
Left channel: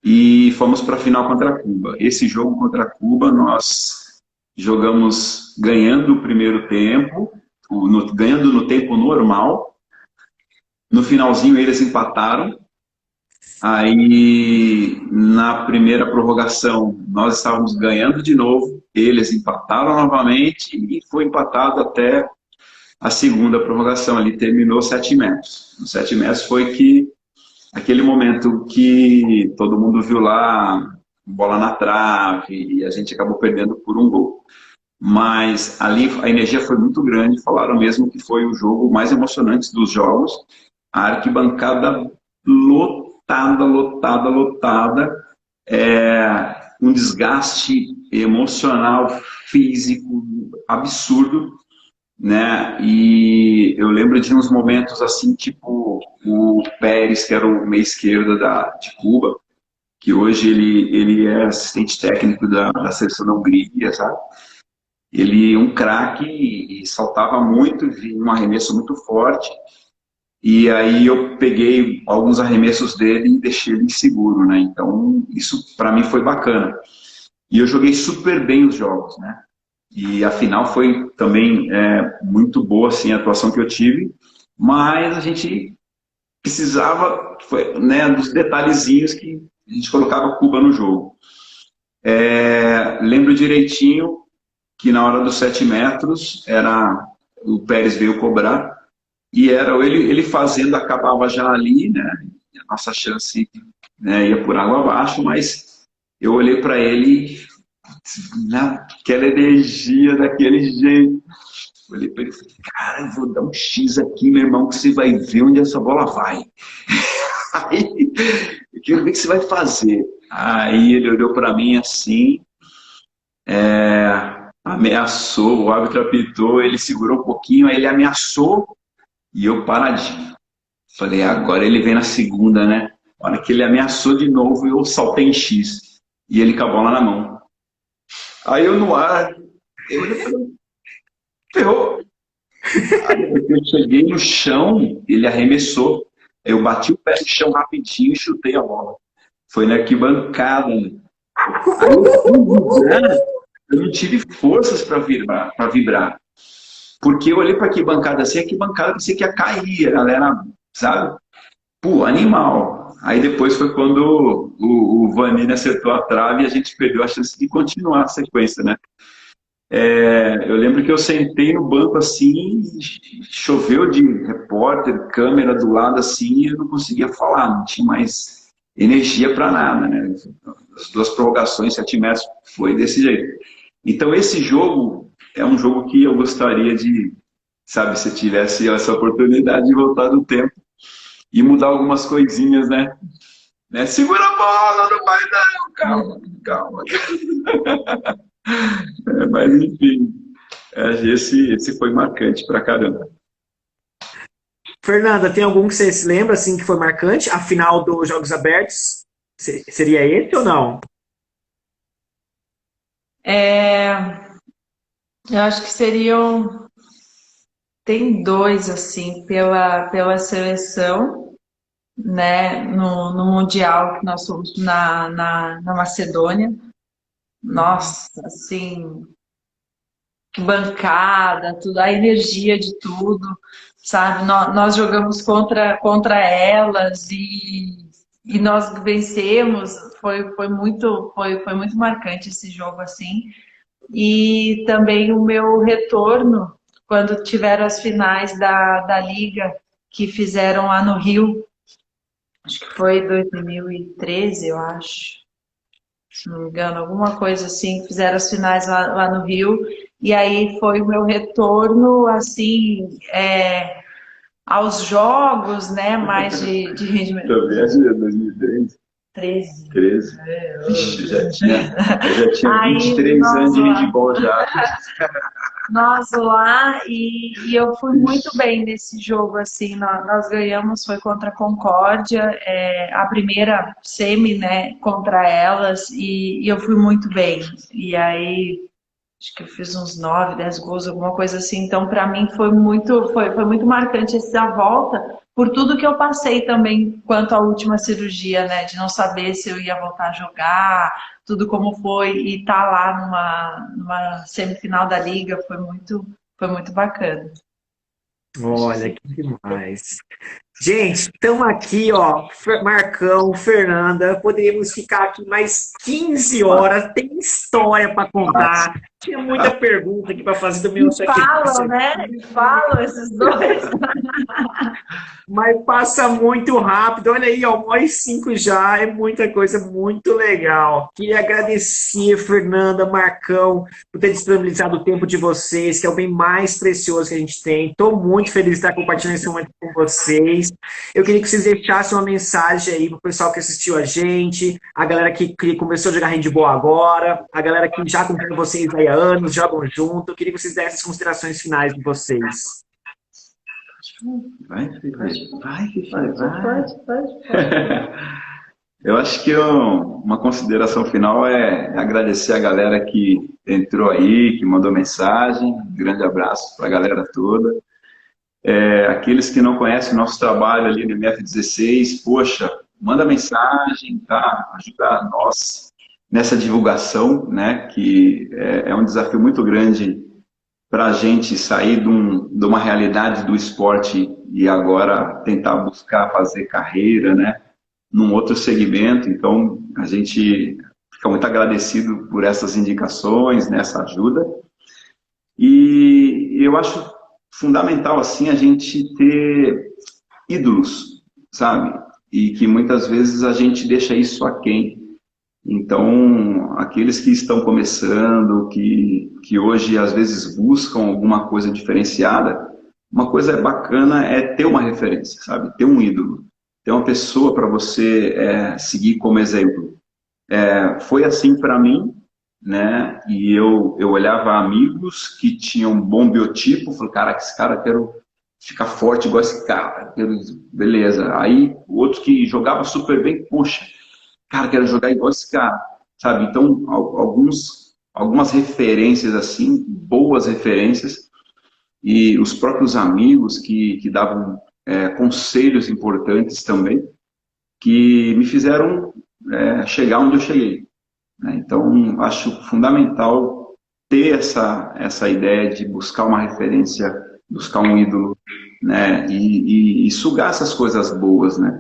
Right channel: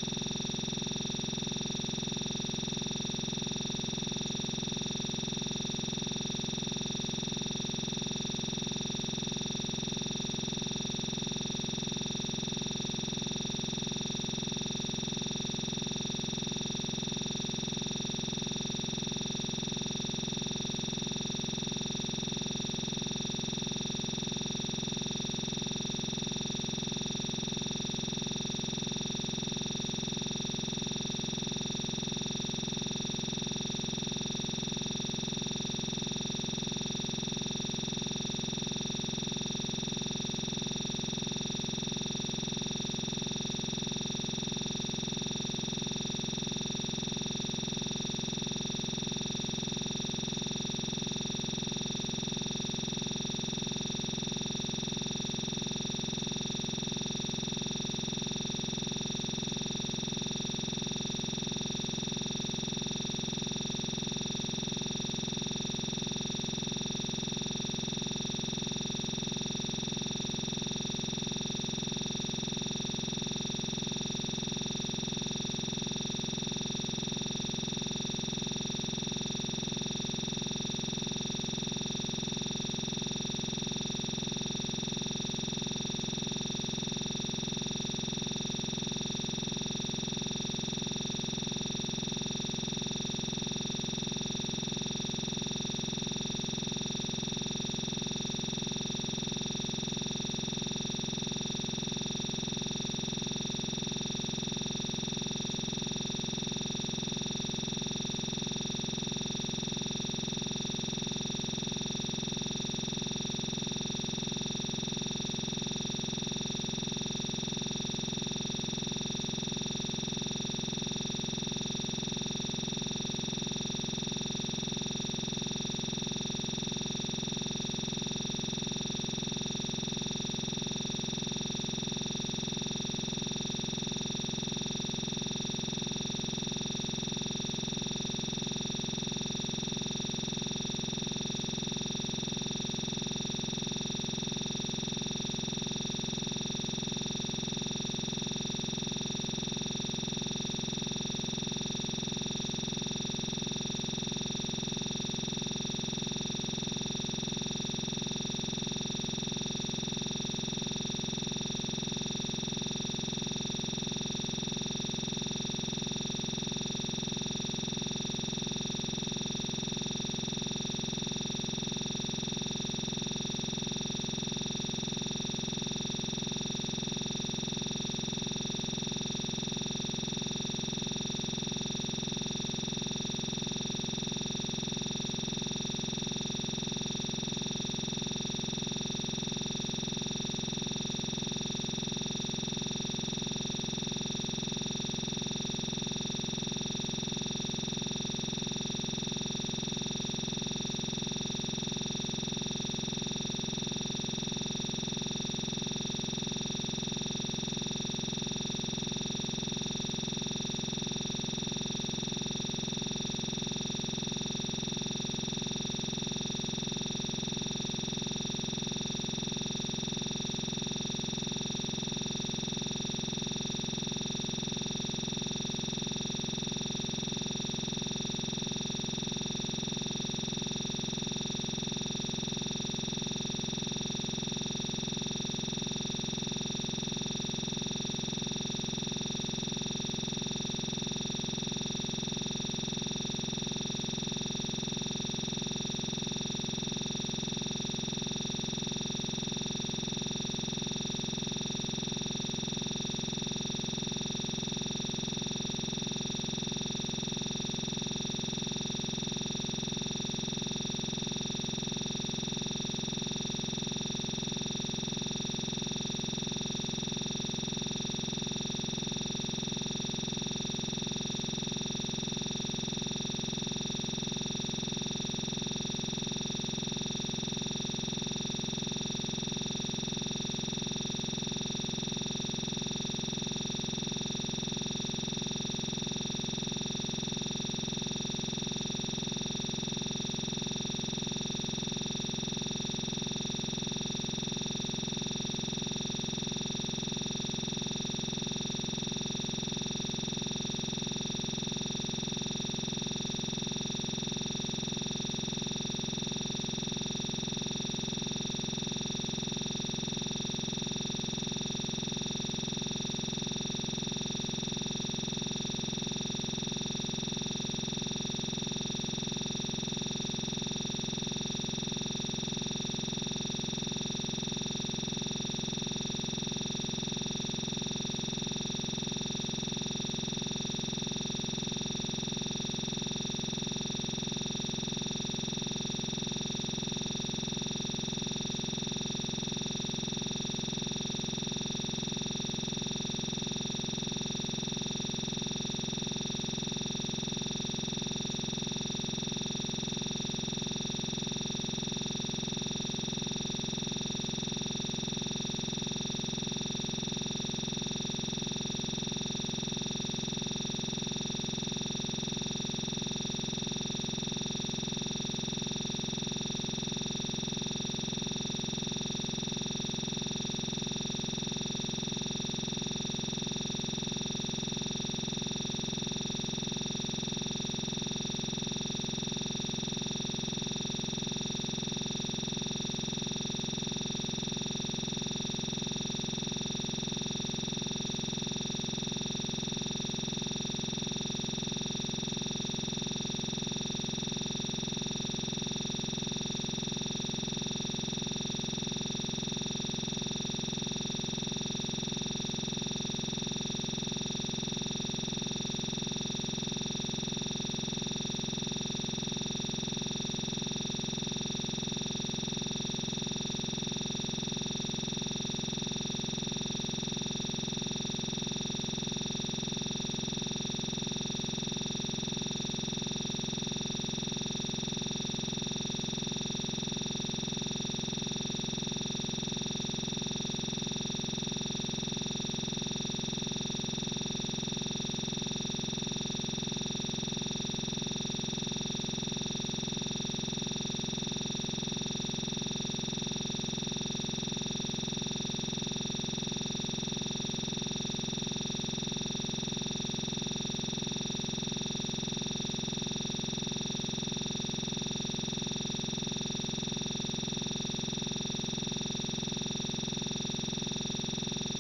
e fomos para a final contra Cuba. Esse jogo contra Cuba, nós jogamos ganhando o primeiro tempo, ganhando no tempo normal. No finalzinho eles empataram. Aí na primeira prorrogação nós estávamos ganhando de novo, eles empataram novamente e foi empatado até a segunda prorrogação. Ali terminou 7 metros. Os 7 metros foi que aquele momento que todo mundo viu lá, bola na trave, e a gente acabou perdendo por um gol. Mas ali a energia foi muito grande, falaram mesmo que foi o jogo mais emocionante dos jogos, a arquibancada lotada, lotada, lotada, um desgaste emocional, físico, absurdo, né? E eu lembro de uns momentos assim, tipo o Pérez, que era o meia esquerda de Cuba, que hoje ele é assistente técnico da seleção da Hungria, sabe? Ele é um craque e saltava muito, vinha um arremesso muito forte. E aí eu peguei alguns arremessos dele e deixei ele inseguro, né? Então isso para mim foi bacana. E eu joguei super bem os jogos, né? E a final foi também muito boa, assim, a atuação que eu tive, mas a gente precisava, né, dos detalhezinhos que a gente colocava Cuba no jogo. Lembro direitinho que na hora dos 7 metros o Pérez veio cobrar e era ele fazendo, acabava já ali, né? A nossa chance, né, ia por água abaixo, mas eu olhei para ele naquela energia, daquele jeito. Olhei para ele e falei, cara, eu vou dar um X aqui, meu irmão, que você vai ver onde essa bola vai. Aí, eu quero ver o que você vai fazer. Aí ele olhou para mim assim, ameaçou, o árbitro apitou, ele segurou um pouquinho, aí ele ameaçou e eu paradinho. Falei, agora ele vem na segunda, né? A hora que ele ameaçou de novo, eu saltei em X. E ele com a bola na mão. Aí eu no ar, eu olhei e falei, ferrou. Aí eu cheguei no chão, ele arremessou. Eu bati o pé no chão rapidinho e chutei a bola. Foi na arquibancada. Aí eu não tive forças para vibrar. Porque eu olhei para a arquibancada assim, a arquibancada pensei que ia cair, a galera, sabe? Pô, animal. Aí depois foi quando o Vanini acertou a trave e a gente perdeu a chance de continuar a sequência, né? Eu lembro que eu sentei no banco assim, choveu de repórter, câmera do lado assim, e eu não conseguia falar, não tinha mais energia para nada, né? As duas prorrogações, 7 metros, foi desse jeito. Então esse jogo é um jogo que eu gostaria de, sabe, se tivesse essa oportunidade de voltar no tempo e mudar algumas coisinhas, né? Segura a bola, não vai não, calma. Mas enfim, esse foi marcante pra caramba. Fernanda, tem algum que você se lembra assim que foi marcante? A final dos Jogos Abertos seria esse ou não? É, eu acho que seriam. Tem dois, assim, pela seleção, né? No Mundial que nós fomos na Macedônia. Nossa, assim, que bancada, tudo, a energia de tudo, sabe? Nós jogamos contra elas e nós vencemos. Foi muito marcante esse jogo, assim. E também o meu retorno, quando tiveram as finais da Liga, que fizeram lá no Rio, acho que foi 2013, eu acho, se não me engano, alguma coisa assim, fizeram as finais lá no Rio, e aí foi o meu retorno, assim, aos jogos, né, mais de rendimento. Também acho que é 2013. 13. 13. Ixi, eu já tinha Aí 23 anos nós de lá, handball já. nós lá e eu fui muito bem nesse jogo, assim, nós ganhamos, foi contra a Concórdia, a primeira semi, né, contra elas, e eu fui muito bem. E aí acho que eu fiz uns 9, 10 gols, alguma coisa assim. Então, para mim foi muito marcante essa volta, por tudo que eu passei também quanto à última cirurgia, né? De não saber se eu ia voltar a jogar, tudo como foi, e estar lá numa semifinal da Liga foi muito bacana. Olha, que demais. Gente, estamos aqui, ó, Marcão, Fernanda, poderíamos ficar aqui mais 15 horas, tem história para contar, tinha muita pergunta aqui para fazer do meu E falam, sacrifício, né? E falam esses dois. mas passa muito rápido. Olha aí, ó, 1h05 já, é muita coisa muito legal. Queria agradecer, Fernanda, Marcão, por ter disponibilizado o tempo de vocês, que é o bem mais precioso que a gente tem. Estou muito feliz de estar compartilhando esse momento com vocês. Eu queria que vocês deixassem uma mensagem aí pro pessoal que assistiu a gente, a galera que começou a jogar handball agora, a galera que já acompanha vocês aí há anos, jogam junto. Eu queria que vocês dessem as considerações finais de vocês. Vai. Eu acho que uma consideração final é agradecer a galera que entrou aí, que mandou mensagem. Um grande abraço para a galera toda. Aqueles que não conhecem o nosso trabalho ali no MF16, poxa, manda mensagem, tá? Ajudar nós nessa divulgação, né? Que é um desafio muito grande para a gente sair de uma realidade do esporte e agora tentar buscar fazer carreira, né? Num outro segmento. Então, a gente fica muito agradecido por essas indicações, nessa ajuda. E eu acho fundamental, assim, a gente ter ídolos, sabe? E que muitas vezes a gente deixa isso aquém. Então, aqueles que estão começando, que hoje às vezes buscam alguma coisa diferenciada, uma coisa bacana é ter uma referência, sabe? Ter um ídolo, ter uma pessoa para você seguir como exemplo. Foi assim para mim, né? E eu olhava amigos que tinham um bom biotipo, falei, cara, esse cara quero ficar forte igual esse cara, beleza. Aí outro que jogava super bem, poxa, cara, quero jogar igual esse cara, sabe? Então, algumas referências assim, boas referências, e os próprios amigos que davam conselhos importantes também, que me fizeram chegar onde eu cheguei, né? Então, acho fundamental ter essa ideia de buscar uma referência, buscar um ídolo, né? E sugar essas coisas boas, né?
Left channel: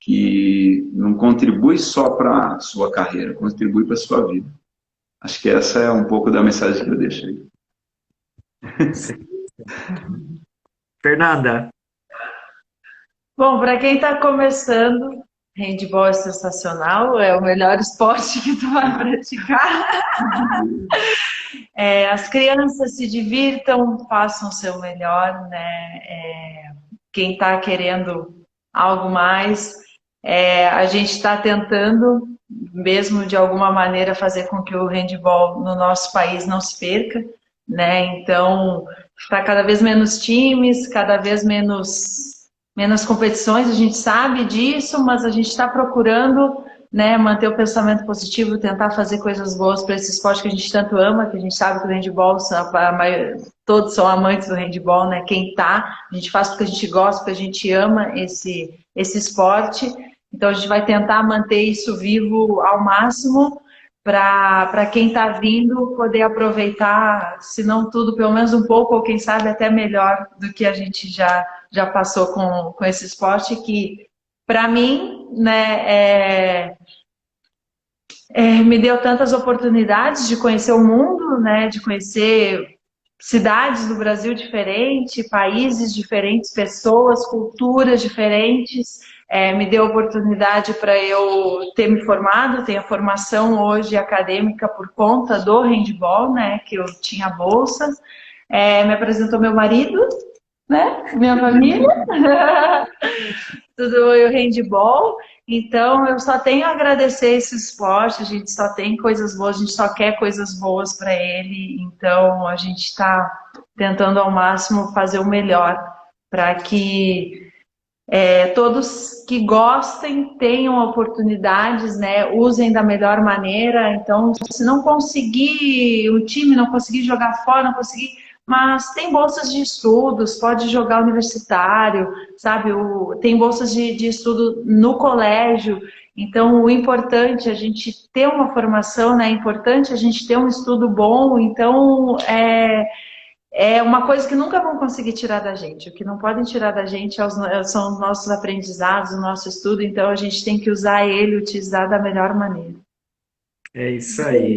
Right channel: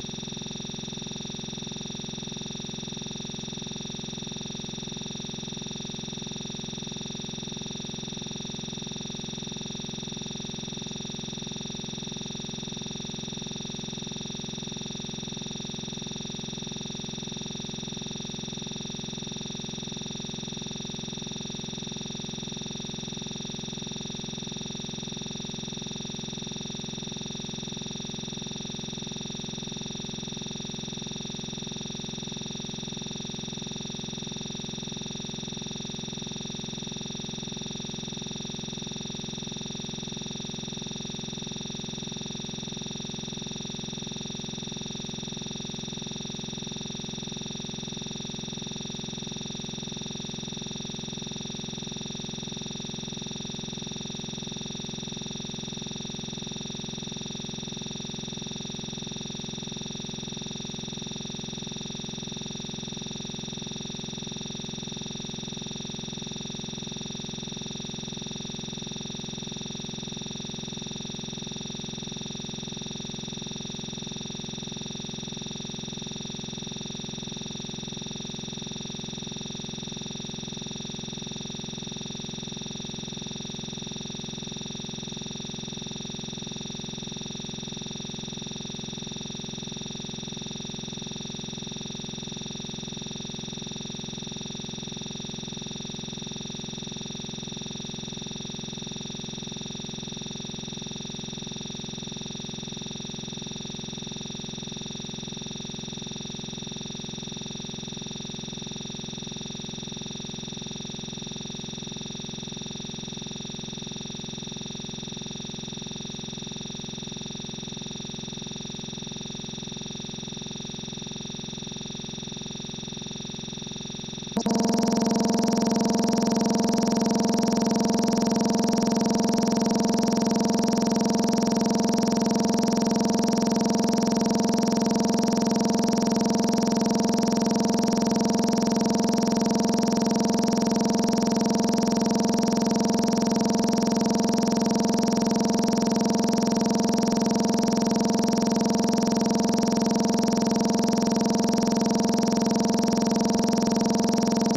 Que não contribui só para a sua carreira, contribui para a sua vida. Acho que essa é um pouco da mensagem que eu deixo aí. Fernanda, Bom, para quem está começando, handball é sensacional, é o melhor esporte que tu vai praticar. As crianças se divirtam, façam o seu melhor, né? Quem está querendo algo mais, a gente está tentando, mesmo de alguma maneira, fazer com que o handball no nosso país não se perca, né? Então, está cada vez menos times, cada vez menos competições, a gente sabe disso, mas a gente está procurando, né, manter o pensamento positivo, tentar fazer coisas boas para esse esporte que a gente tanto ama, que a gente sabe que o handball, todos são amantes do handball, né? Quem tá, a gente faz porque a gente gosta, porque a gente ama esse esporte. Então a gente vai tentar manter isso vivo ao máximo para quem está vindo poder aproveitar, se não tudo, pelo menos um pouco, ou quem sabe até melhor do que a gente já passou com esse esporte, que para mim, né, me deu tantas oportunidades de conhecer o mundo, né, de conhecer cidades do Brasil diferentes, países diferentes, pessoas, culturas diferentes. Me deu oportunidade para eu ter me formado, tenho a formação hoje acadêmica por conta do handball, né, que eu tinha bolsas. Me apresentou meu marido, né, minha família, tudo o handball. Então, eu só tenho a agradecer esse esporte, a gente só tem coisas boas, a gente só quer coisas boas para ele. Então, a gente está tentando ao máximo fazer o melhor para que todos que gostem tenham oportunidades, né? Usem da melhor maneira. Então, se não conseguir o time, não conseguir jogar fora, não conseguir, mas tem bolsas de estudos, pode jogar universitário, sabe? Tem bolsas de estudo no colégio. Então, o importante é a gente ter uma formação, né? É importante a gente ter um estudo bom. Então, é uma coisa que nunca vão conseguir tirar da gente. O que não podem tirar da gente são os nossos aprendizados, o nosso estudo. Então, a gente tem que usar ele, utilizar da melhor maneira. é isso aí.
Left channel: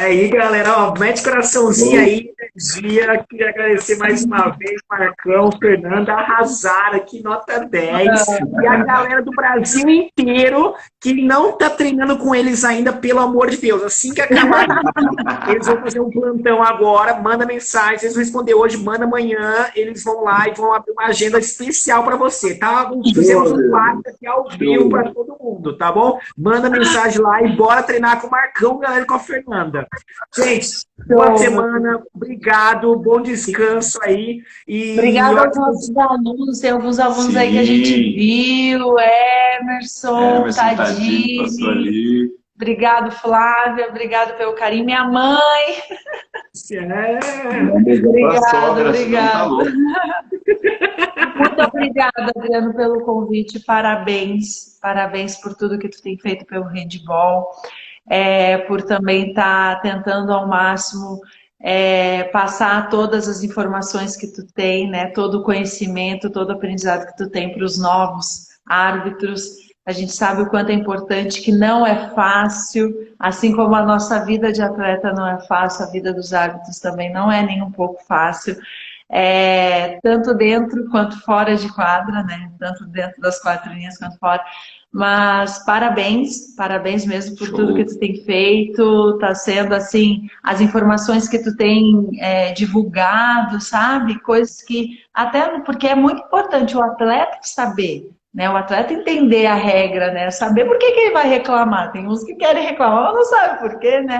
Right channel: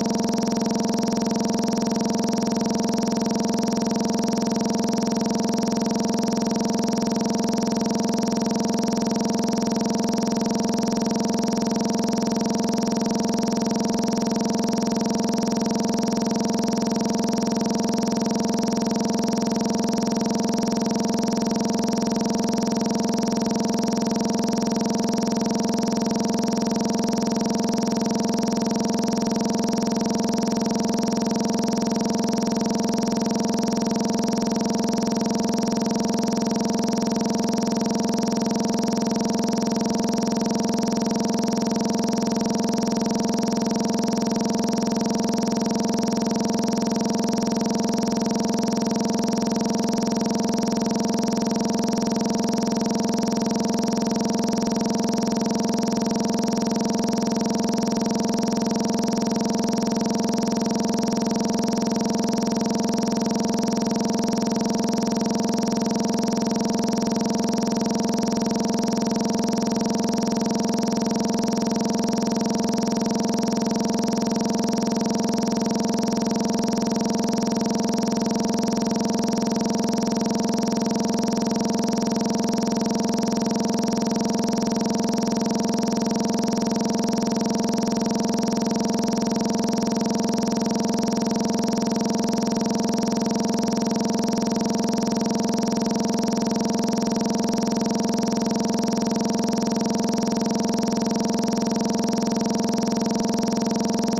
É aí, galera, ó, mete coraçãozinho aí. Queria agradecer mais uma vez, Marcão, Fernanda, arrasaram aqui, nota 10. E a galera do Brasil inteiro que não tá treinando com eles ainda, pelo amor de Deus. Assim que acabar, eles vão fazer um plantão agora, manda mensagem, eles responder hoje, manda amanhã, eles vão lá e vão abrir uma agenda especial pra você, tá? Vamos fazer um live aqui ao vivo pra todo mundo, tá bom? Manda mensagem lá e bora treinar com o Marcão, galera, e com a Fernanda. Gente, boa semana, obrigado, bom descanso aí. Obrigada aos nossos alunos, tem alguns alunos aí que a gente viu, Emerson, Tadini. Obrigado, Flávia, obrigado pelo carinho. Minha mãe. Obrigado. Muito obrigada, Adriano, pelo convite. Parabéns por tudo que tu tem feito pelo handball, por também estar tentando ao máximo passar todas as informações que tu tem, né? Todo o conhecimento, todo o aprendizado que tu tem para os novos árbitros. A gente sabe o quanto é importante, que não é fácil, assim como a nossa vida de atleta não é fácil, a vida dos árbitros também não é nem um pouco fácil, tanto dentro quanto fora de quadra, né? Tanto dentro das quadrinhas quanto fora, Mas parabéns mesmo por tudo que tu tem feito, tá sendo assim, as informações que tu tem divulgado, sabe? Coisas que, até porque é muito importante o atleta saber, né? O atleta entender a regra, né? Saber por que que ele vai reclamar. Tem uns que querem reclamar, mas não sabe por quê, né?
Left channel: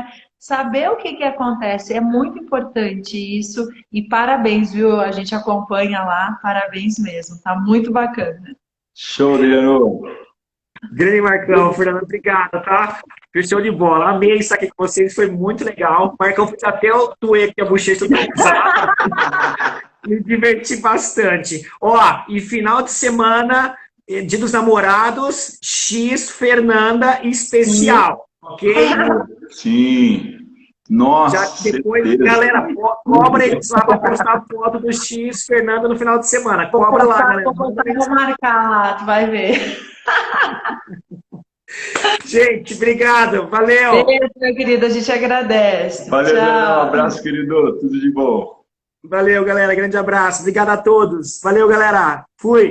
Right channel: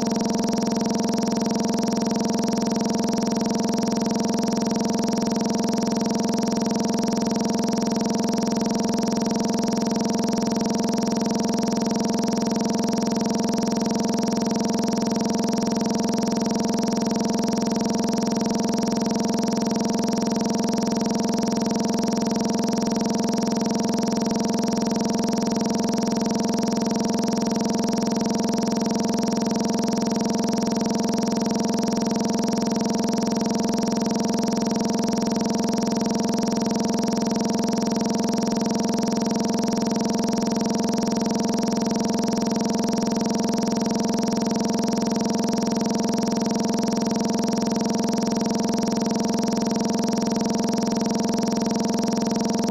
Saber o que que acontece é muito importante isso e parabéns, viu? A gente acompanha lá, parabéns mesmo, tá muito bacana. Show, Leandro. Grande Marcão, Fernando, obrigado, tá? Foi show de bola. Amei estar aqui com vocês, foi muito legal. Marcão, fiz até eu doer aqui a bochecha do WhatsApp. Me diverti bastante. Ó, e final de semana, Dia dos Namorados, X Fernanda especial, ok? Sim. Nossa, Já depois, certeza. galera, cobra eles lá pra postar a foto do X Fernanda no final de semana. Cobra lá, galera. Vou marcar lá, tu vai ver. Gente, obrigado. Valeu. Beijo, meu querido, a gente agradece. Valeu, Leandro. Um Tchau. abraço, querido. Tudo de bom. Valeu, galera. Grande abraço. Obrigado a todos. Valeu, galera. Fui.